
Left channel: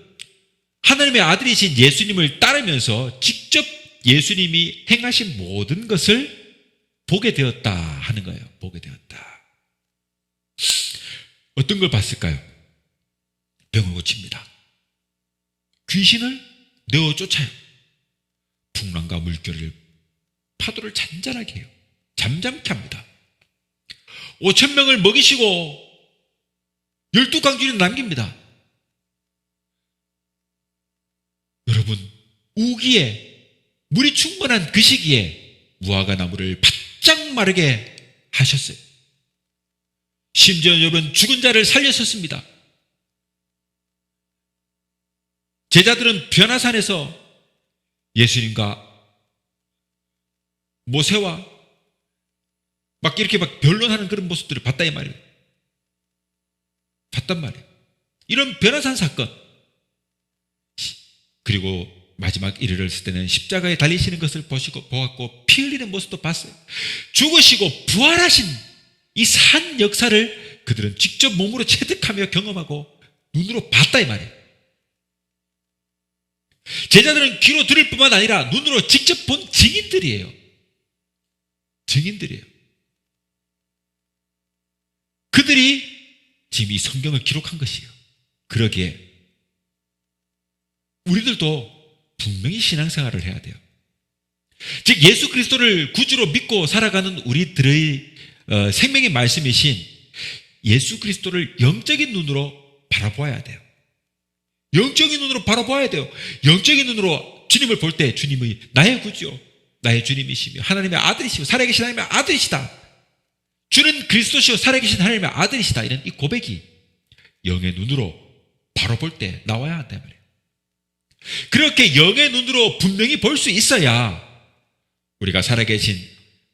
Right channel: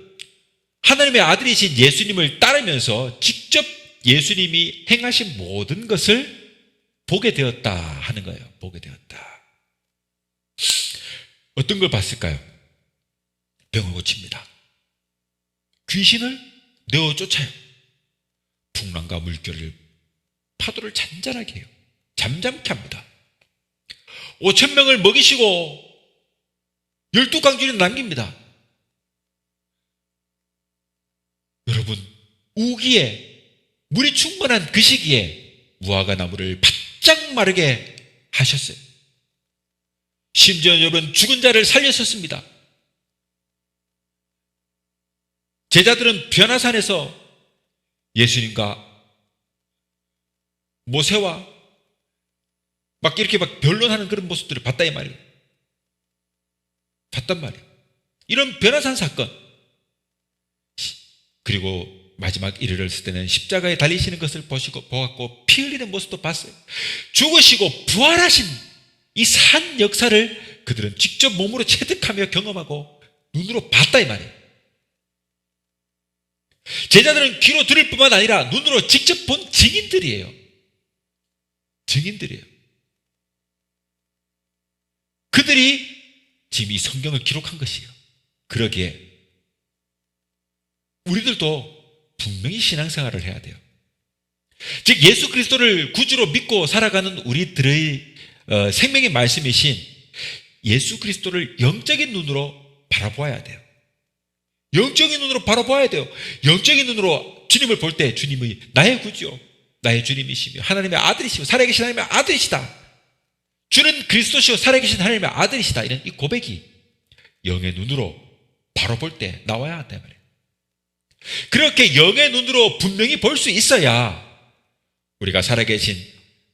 하나님의 아들이신 예수님을 따르면서 직접 예수님이 행하신 모든 것을 보게 되었다 하는 거예요. 보게 되었다. 어떤 걸 봤을까요? 병을 고칩니다. 귀신을 내어 쫓아요. 풍랑과 물결을, 파도를 잔잔하게 해요. 잠잠케 합니다. 5,000명을 먹이시고 12강주를 남깁니다. 여러분, 우기에 물이 충분한 그 시기에 무화과 나무를 바짝 마르게 하셨어요. 심지어 여러분, 죽은 자를 살렸었습니다. 제자들은 변화산에서 예수님과 모세와 막 이렇게 막 변론하는 그런 모습들을 봤다 이 말이에요. 봤단 말이에요. 이런 변화산 사건, 그리고 마지막 이르렀을 때는 십자가에 달리시는 것을 보았고 피 흘리는 모습도 봤어요. 죽으시고 부활하신 이 산 역사를 그들은 직접 몸으로 체득하며 경험하고 눈으로 봤다 이 말이에요. 제자들은 귀로 들을 뿐만 아니라 눈으로 직접 본 증인들이에요. 증인들이에요. 그들이 지금 이 성경을 기록한 것이에요. 그러기에 우리들도 분명히 신앙생활을 해야 돼요. 즉 예수 그리스도를 구주로 믿고 살아가는 우리들의 생명의 말씀이신 예수 그리스도를 영적인 눈으로 바라보아야 돼요. 영적인 눈으로 바라보아야 돼요. 영적인 눈으로 주님을 볼 때 주님의 나의 구주요, 나의 주님이시며 하나님의 아들이시며 살아계신 하나님의 아들이시다. 주는 그리스도시요 살아계신 하나님의 아들이시다. 이런 이 고백이 영의 눈으로 바로 볼 때 나와야 한다 말이에요. 그렇게 영의 눈으로 분명히 볼 수 있어야 우리가 살아계신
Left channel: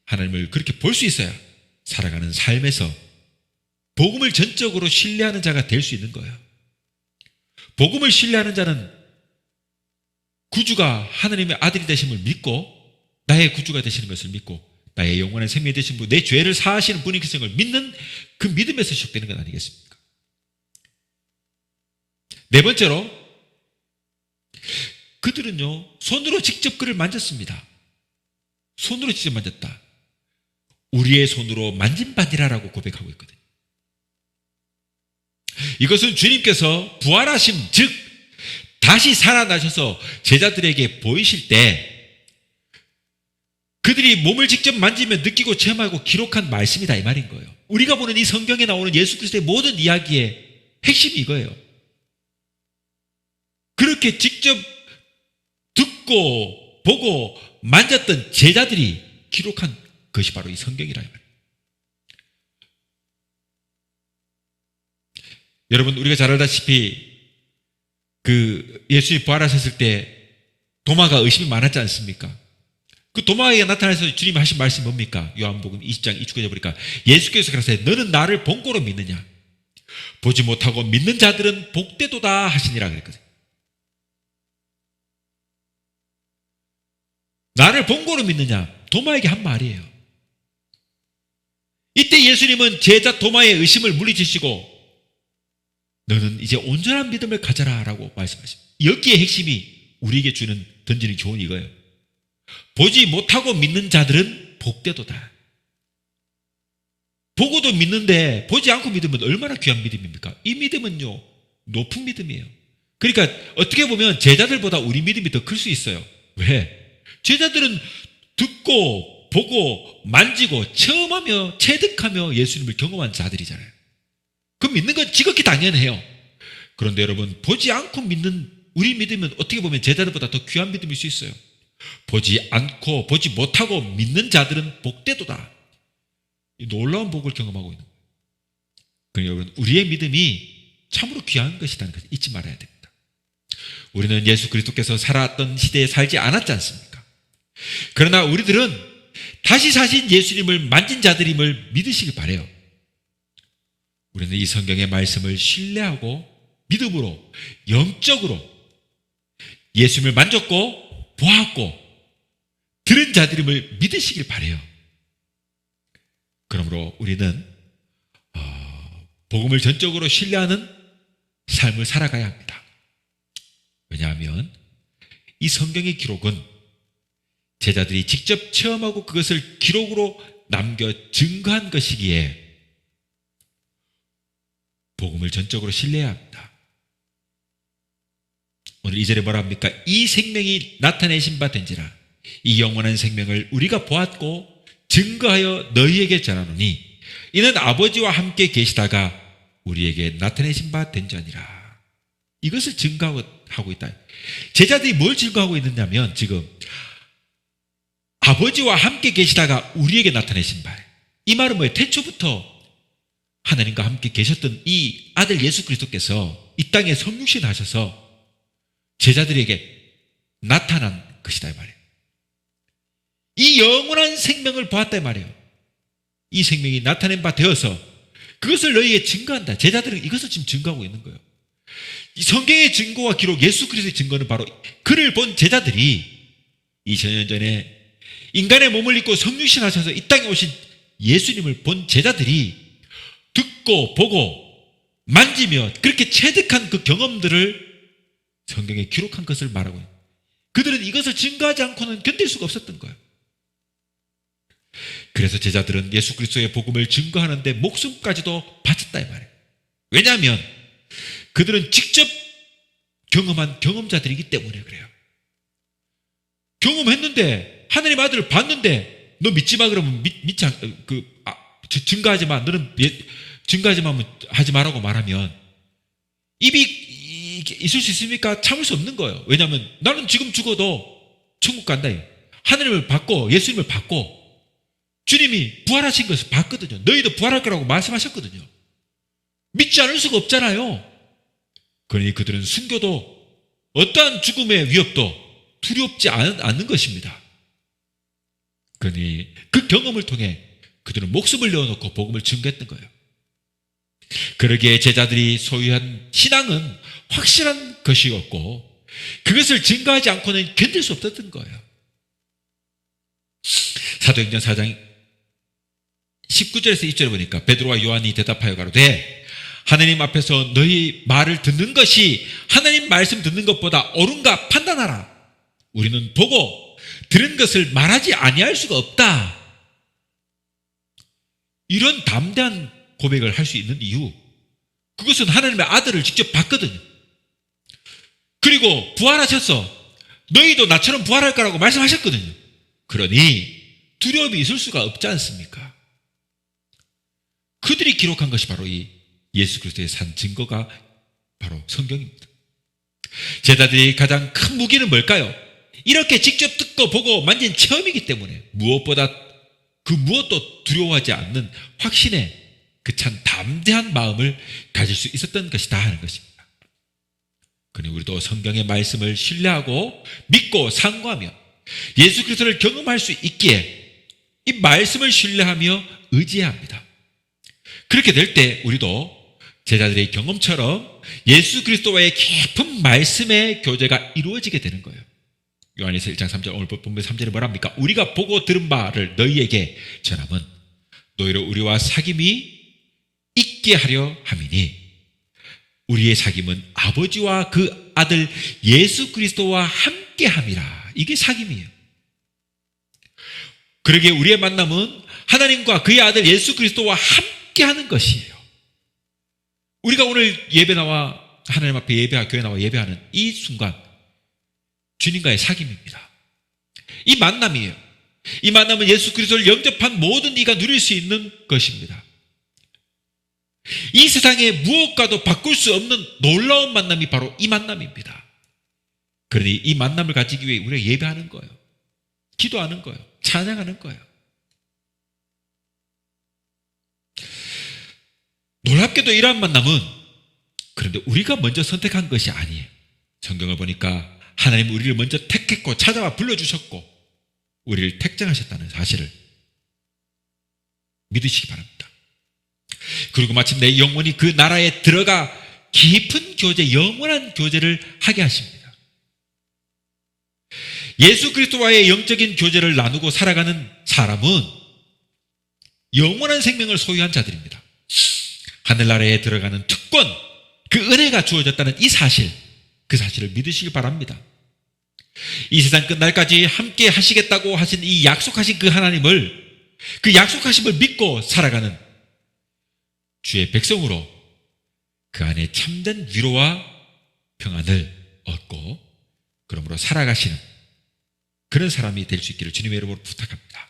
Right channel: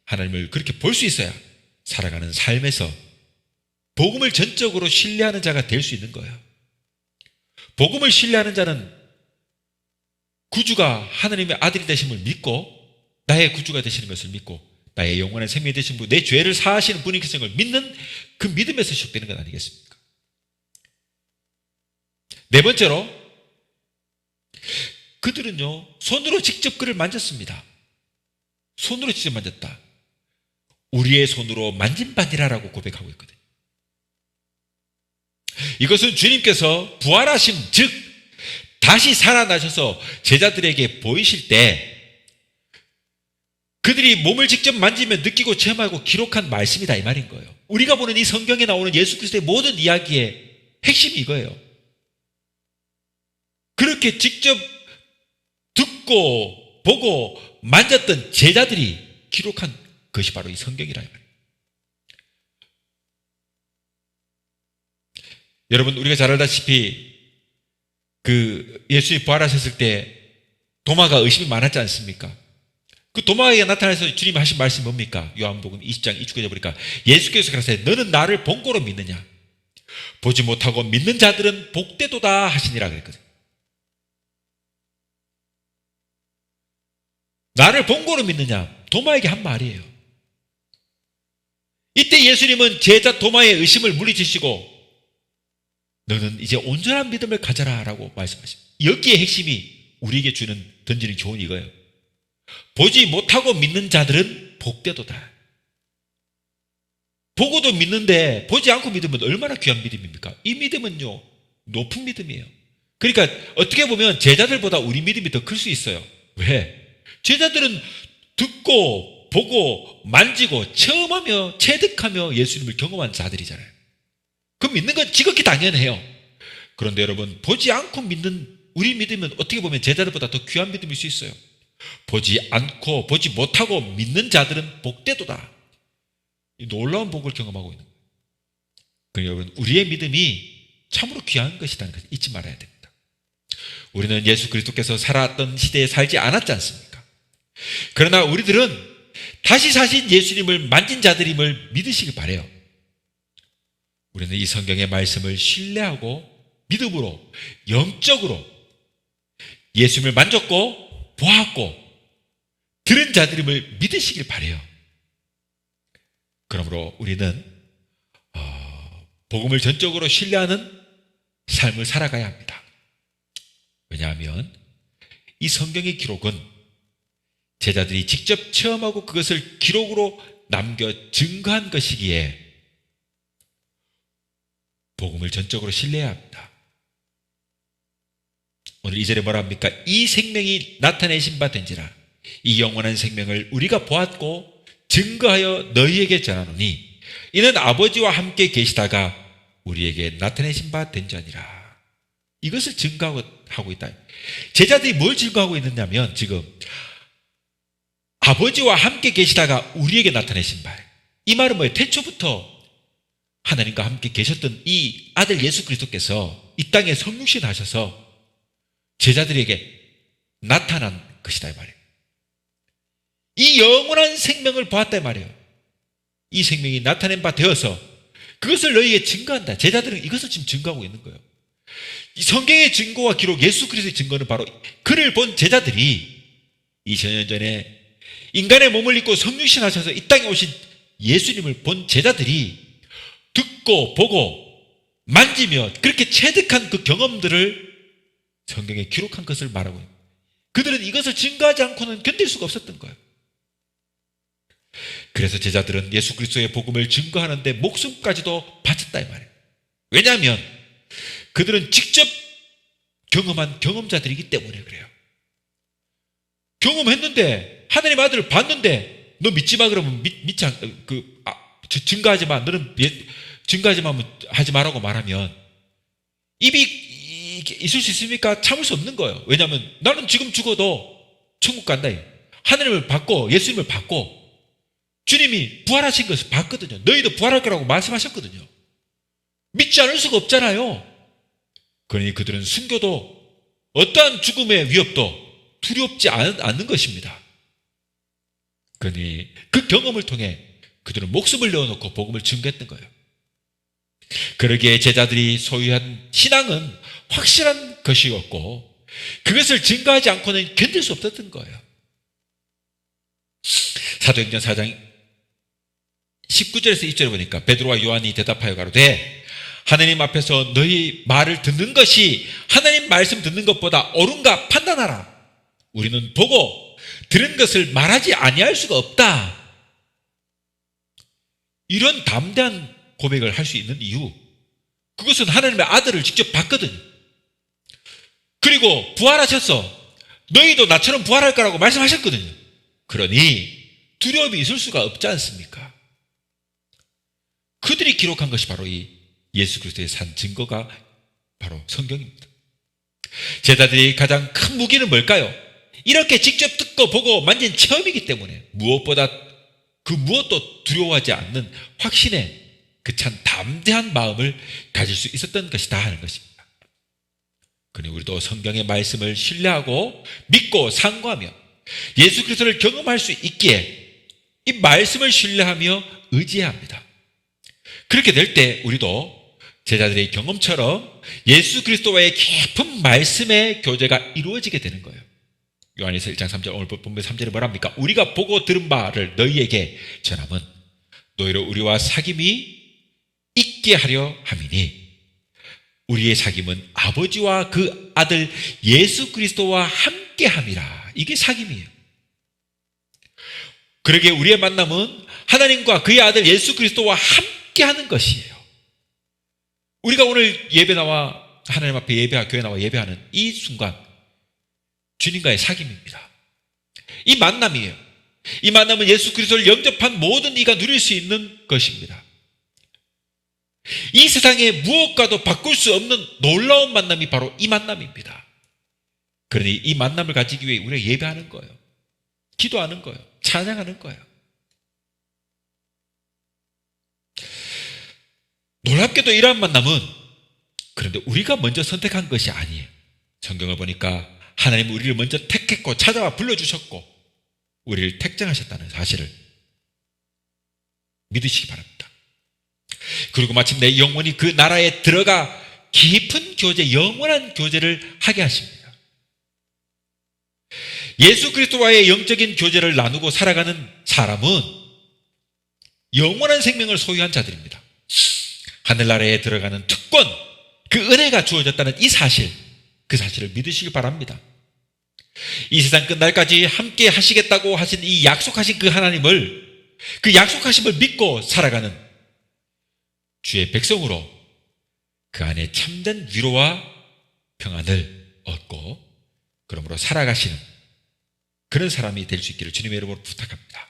하나님을 그렇게 볼 수 있어야 살아가는 삶에서 복음을 전적으로 신뢰하는 자가 될 수 있는 거예요. 복음을 신뢰하는 자는 구주가 하나님의 아들이 되심을 믿고 나의 구주가 되시는 것을 믿고 나의 영원한 생명이 되신 분, 내 죄를 사하시는 분이 계신 걸 믿는 그 믿음에서 시작되는 것 아니겠습니까? 네 번째로, 그들은요 손으로 직접 그를 만졌습니다. 손으로 직접 만졌다. 우리의 손으로 만진 바니라라고 고백하고 있거든요. 이것은 주님께서 부활하심, 즉 다시 살아나셔서 제자들에게 보이실 때 그들이 몸을 직접 만지며 느끼고 체험하고 기록한 말씀이다 이 말인 거예요. 우리가 보는 이 성경에 나오는 예수 그리스도의 모든 이야기의 핵심이 이거예요. 그렇게 직접 듣고 보고 만졌던 제자들이 기록한 것이 바로 이 성경이라 이 말이에요. 여러분, 우리가 잘 알다시피 예수님이 부활하셨을 때 도마가 의심이 많았지 않습니까? 그 도마에 나타나서 주님이 하신 말씀이 뭡니까? 요한복음 20장 29절에 보니까 예수께서 그러세요. 너는 나를 본고로 믿느냐? 보지 못하고 믿는 자들은 복되도다 하시니라 그랬거든요. 나를 본고로 믿느냐? 도마에게 한 말이에요. 이때 예수님은 제자 도마의 의심을 물리치시고 너는 이제 온전한 믿음을 가져라 라고 말씀하십니다. 여기에 핵심이 우리에게 던지는 교훈이 이거예요. 보지 못하고 믿는 자들은 복되도다. 보고도 믿는데 보지 않고 믿으면 얼마나 귀한 믿음입니까? 이 믿음은요, 높은 믿음이에요. 그러니까 어떻게 보면 제자들보다 우리 믿음이 더 클 수 있어요. 왜? 제자들은 듣고 보고 만지고 체험하며 체득하며 예수님을 경험한 자들이잖아요. 그 믿는 건 지극히 당연해요. 그런데 여러분, 보지 않고 믿는 우리 믿음은 어떻게 보면 제자들보다 더 귀한 믿음일 수 있어요. 보지 않고 보지 못하고 믿는 자들은 복되도다. 이 놀라운 복을 경험하고 있는 거예요. 그러니까 여러분, 우리의 믿음이 참으로 귀한 것이라는 것을 잊지 말아야 됩니다. 우리는 예수 그리스도께서 살았던 시대에 살지 않았지 않습니까? 그러나 우리들은 다시 사신 예수님을 만진 자들임을 믿으시길 바라요. 우리는 이 성경의 말씀을 신뢰하고 믿음으로 영적으로 예수님을 만졌고 보았고 들은 자들임을 믿으시길 바라요. 그러므로 우리는 복음을 전적으로 신뢰하는 삶을 살아가야 합니다. 왜냐하면 이 성경의 기록은 제자들이 직접 체험하고 그것을 기록으로 남겨 증거한 것이기에 복음을 전적으로 신뢰해야 합니다. 오늘 2절에 뭐라 합니까? 이 생명이 나타내신 바 된지라 이 영원한 생명을 우리가 보았고 증거하여 너희에게 전하노니 이는 아버지와 함께 계시다가 우리에게 나타내신 바 된지니라. 이것을 증거하고 있다. 제자들이 뭘 증거하고 있느냐면 지금 아버지와 함께 계시다가 우리에게 나타내신 바. 이 말은 뭐예요? 태초부터 하나님과 함께 계셨던 이 아들 예수 그리스도께서 이 땅에 성육신하셔서 제자들에게 나타난 것이다 이 말이에요. 이 영원한 생명을 보았다 이 말이에요. 이 생명이 나타낸 바 되어서 그것을 너희에게 증거한다. 제자들은 이것을 지금 증거하고 있는 거예요. 이 성경의 증거와 기록, 예수 그리스도의 증거는 바로 그를 본 제자들이 2000년 전에 인간의 몸을 입고 성육신하셔서 이 땅에 오신 예수님을 본 제자들이 듣고 보고 만지며 그렇게 체득한 그 경험들을 성경에 기록한 것을 말하고 있는 거예요. 그들은 이것을 증거하지 않고는 견딜 수가 없었던 거예요. 그래서 제자들은 예수 그리스도의 복음을 증거하는데 목숨까지도 바쳤다 이 말이에요. 왜냐하면 그들은 직접 경험한 경험자들이기 때문에 그래요. 경험했는데 하나님 아들을 봤는데 너 믿지 마 그러면 믿지 증거하지 마. 너는 증거하지 마 하지 마라고 말하면 입이 있을 수 있습니까? 참을 수 없는 거예요. 왜냐하면 나는 지금 죽어도 천국 간다. 하나님을 받고 예수님을 받고 주님이 부활하신 것을 봤거든요. 너희도 부활할 거라고 말씀하셨거든요. 믿지 않을 수가 없잖아요. 그러니 그들은 순교도 어떠한 죽음의 위협도 두렵지 않는 것입니다. 그러니 그 경험을 통해 그들은 목숨을 내어놓고 복음을 증거했던 거예요. 그러기에 제자들이 소유한 신앙은 확실한 것이었고 그것을 증거하지 않고는 견딜 수 없었던 거예요. 사도행전 4장 19절에서 20절에 보니까 베드로와 요한이 대답하여 가로되 하나님 앞에서 너희 말을 듣는 것이 하나님 말씀 듣는 것보다 옳은가 판단하라. 우리는 보고 들은 것을 말하지 아니할 수가 없다. 이런 담대한 고백을 할 수 있는 이유, 그것은 하나님의 아들을 직접 봤거든요. 그리고 부활하셔서 너희도 나처럼 부활할 거라고 말씀하셨거든요. 그러니 두려움이 있을 수가 없지 않습니까? 그들이 기록한 것이 바로 이 예수 그리스도의 산 증거가 바로 성경입니다. 제자들이 가장 큰 무기는 뭘까요? 이렇게 직접 듣고 보고 만진 체험이기 때문에 무엇보다 그 무엇도 두려워하지 않는 확신의 그 참 담대한 마음을 가질 수 있었던 것이다 하는 것입니다. 그러니 우리도 성경의 말씀을 신뢰하고 믿고 상고하며 예수 그리스도를 경험할 수 있기에 이 말씀을 신뢰하며 의지해야 합니다. 그렇게 될 때 우리도 제자들의 경험처럼 예수 그리스도와의 깊은 말씀의 교제가 이루어지게 되는 거예요. 요한일서 1장 3절, 오늘 본문 3절에 뭐랍니까? 우리가 보고 들은 바를 너희에게 전함은 너희로 우리와 사귐이 있게 하려 함이니 우리의 사귐은 아버지와 그 아들 예수 그리스도와 함께 함이라. 이게 사귐이에요. 그러게 우리의 만남은 하나님과 그의 아들 예수 그리스도와 함께 하는 것이에요. 우리가 오늘 예배 나와 하나님 앞에 예배하고 교회 나와 예배하는 이 순간 주님과의 사귐입니다. 이 만남이에요. 이 만남은 예수 그리스도를 영접한 모든 이가 누릴 수 있는 것입니다. 이 세상에 무엇과도 바꿀 수 없는 놀라운 만남이 바로 이 만남입니다. 그러니 이 만남을 가지기 위해 우리가 예배하는 거예요. 기도하는 거예요. 찬양하는 거예요. 놀랍게도 이러한 만남은 그런데 우리가 먼저 선택한 것이 아니에요. 성경을 보니까 하나님은 우리를 먼저 택했고 찾아와 불러주셨고 우리를 택정하셨다는 사실을 믿으시기 바랍니다. 그리고 마침내 영원히 그 나라에 들어가 깊은 교제, 영원한 교제를 하게 하십니다. 예수 그리스도와의 영적인 교제를 나누고 살아가는 사람은 영원한 생명을 소유한 자들입니다. 하늘나라에 들어가는 특권, 그 은혜가 주어졌다는 이 사실, 그 사실을 믿으시길 바랍니다. 이 세상 끝날까지 함께 하시겠다고 하신 이 약속하신 그 하나님을, 그 약속하심을 믿고 살아가는 주의 백성으로 그 안에 참된 위로와 평안을 얻고 그러므로 살아가시는 그런 사람이 될 수 있기를 주님의 이름으로 부탁합니다.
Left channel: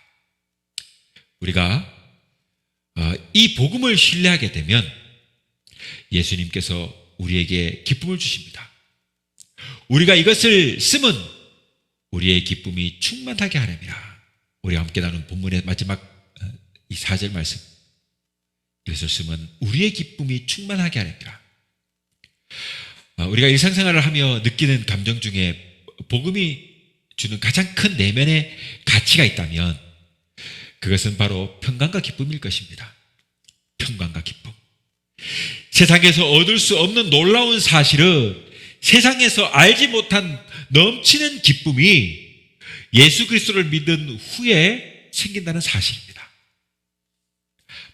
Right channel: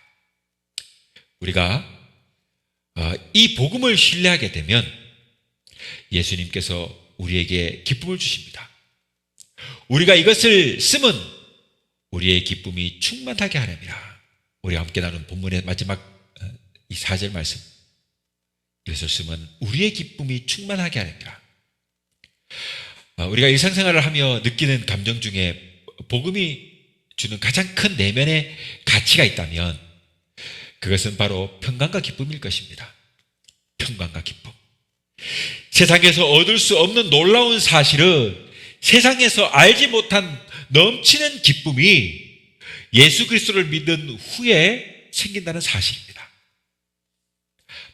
우리가 이 복음을 신뢰하게 되면 예수님께서 우리에게 기쁨을 주십니다. 우리가 이것을 쓰면 우리의 기쁨이 충만하게 하렵니다. 우리 함께 나눈 본문의 마지막 이 4절 말씀, 이것을 쓰면 우리의 기쁨이 충만하게 하렵니다. 우리가 일상생활을 하며 느끼는 감정 중에 복음이 주는 가장 큰 내면의 가치가 있다면 그것은 바로 평강과 기쁨일 것입니다. 평강과 기쁨. 세상에서 얻을 수 없는 놀라운 사실은 세상에서 알지 못한 넘치는 기쁨이 예수 그리스도를 믿은 후에 생긴다는 사실입니다.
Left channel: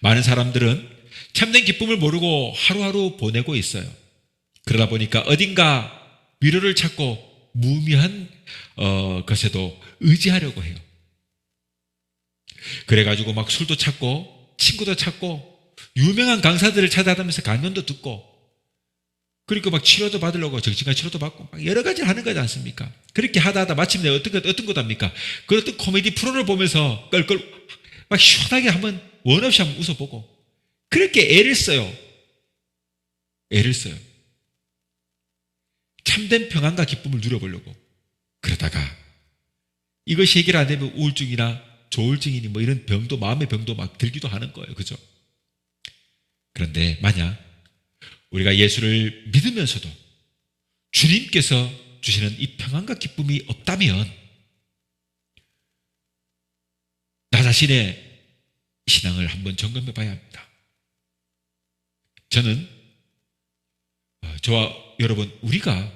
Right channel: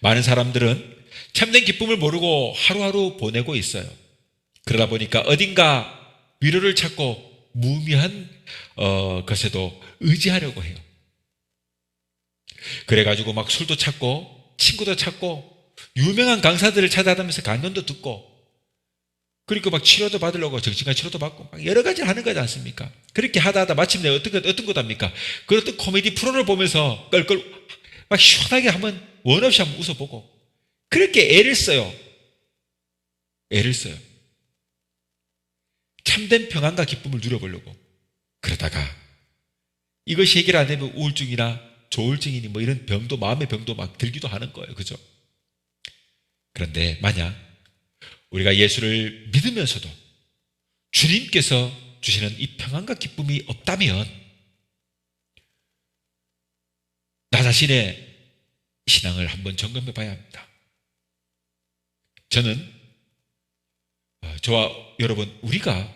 많은 사람들은 참된 기쁨을 모르고 하루하루 보내고 있어요. 그러다 보니까 어딘가 위로를 찾고 무의미한 것에도 의지하려고 해요. 그래가지고 막 술도 찾고 친구도 찾고 유명한 강사들을 찾아다니면서 강연도 듣고 그리고 막 치료도 받으려고 정신과 치료도 받고 막 여러 가지 하는 거지 않습니까? 그렇게 하다 마침내 어떤 것 합니까? 그 어떤 코미디 프로를 보면서 껄껄 막 시원하게 한번 원 없이 한번 웃어보고 그렇게 애를 써요. 애를 써요. 참된 평안과 기쁨을 누려보려고. 그러다가 이것이 해결 안 되면 우울증이나 조울증이니 뭐 이런 병도, 마음의 병도 막 들기도 하는 거예요. 그죠? 그런데 만약 우리가 예수를 믿으면서도 주님께서 주시는 이 평안과 기쁨이 없다면 나 자신의 신앙을 한번 점검해 봐야 합니다. 저는 저와 여러분 우리가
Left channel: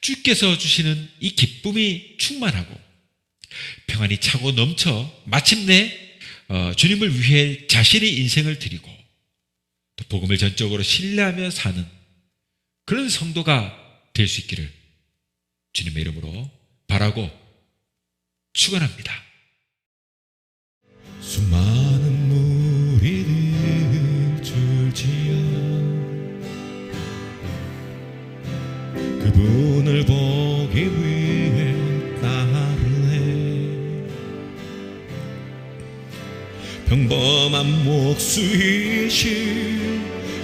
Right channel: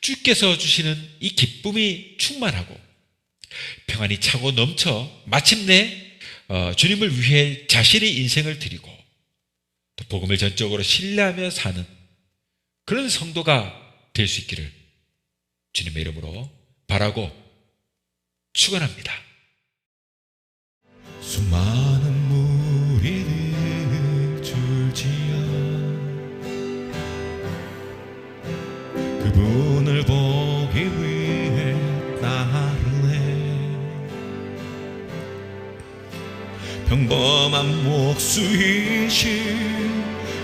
주께서 주시는 이 기쁨이 충만하고 평안이 차고 넘쳐 마침내 주님을 위해 자신의 인생을 드리고 또 복음을 전적으로 신뢰하며 사는 그런 성도가 될 수 있기를 주님의 이름으로 바라고 축원합니다. 수많은 무리를 줄지어 그분을 보기 위해 따르네. 평범한 목수이신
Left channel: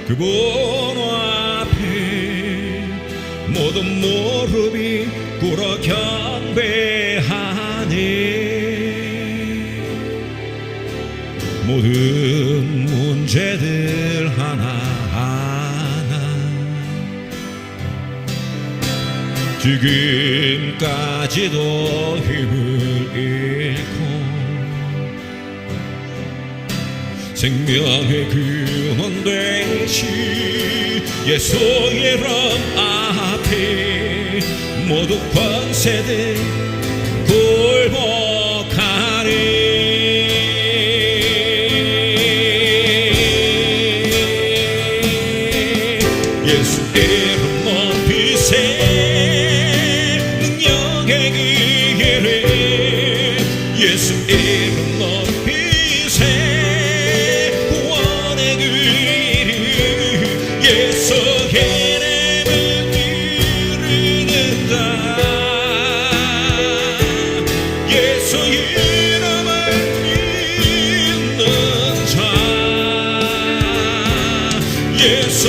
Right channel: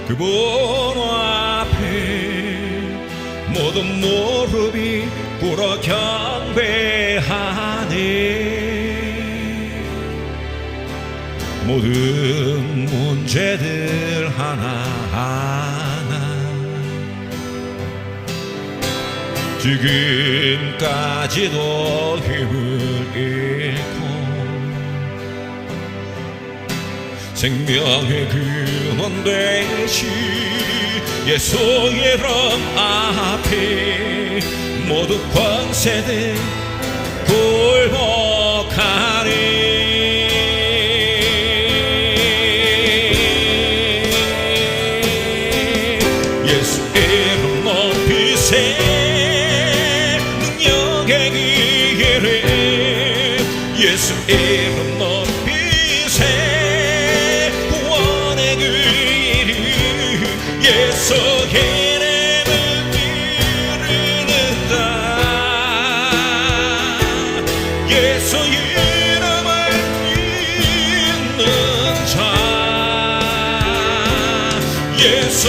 그분 앞에 모든 무릎이 꿇어 경배하네. 모든 문제들 지금까지도 힘을 잃고 생명의 근원 되신 예수 이름 앞에 모두 권세들 굴복하리. 예수 이름 높이세 능력의 길을 예수 이름 높이세 구원의 길 예수 이름은 이르는다. 예수 이름은 있는 자 예수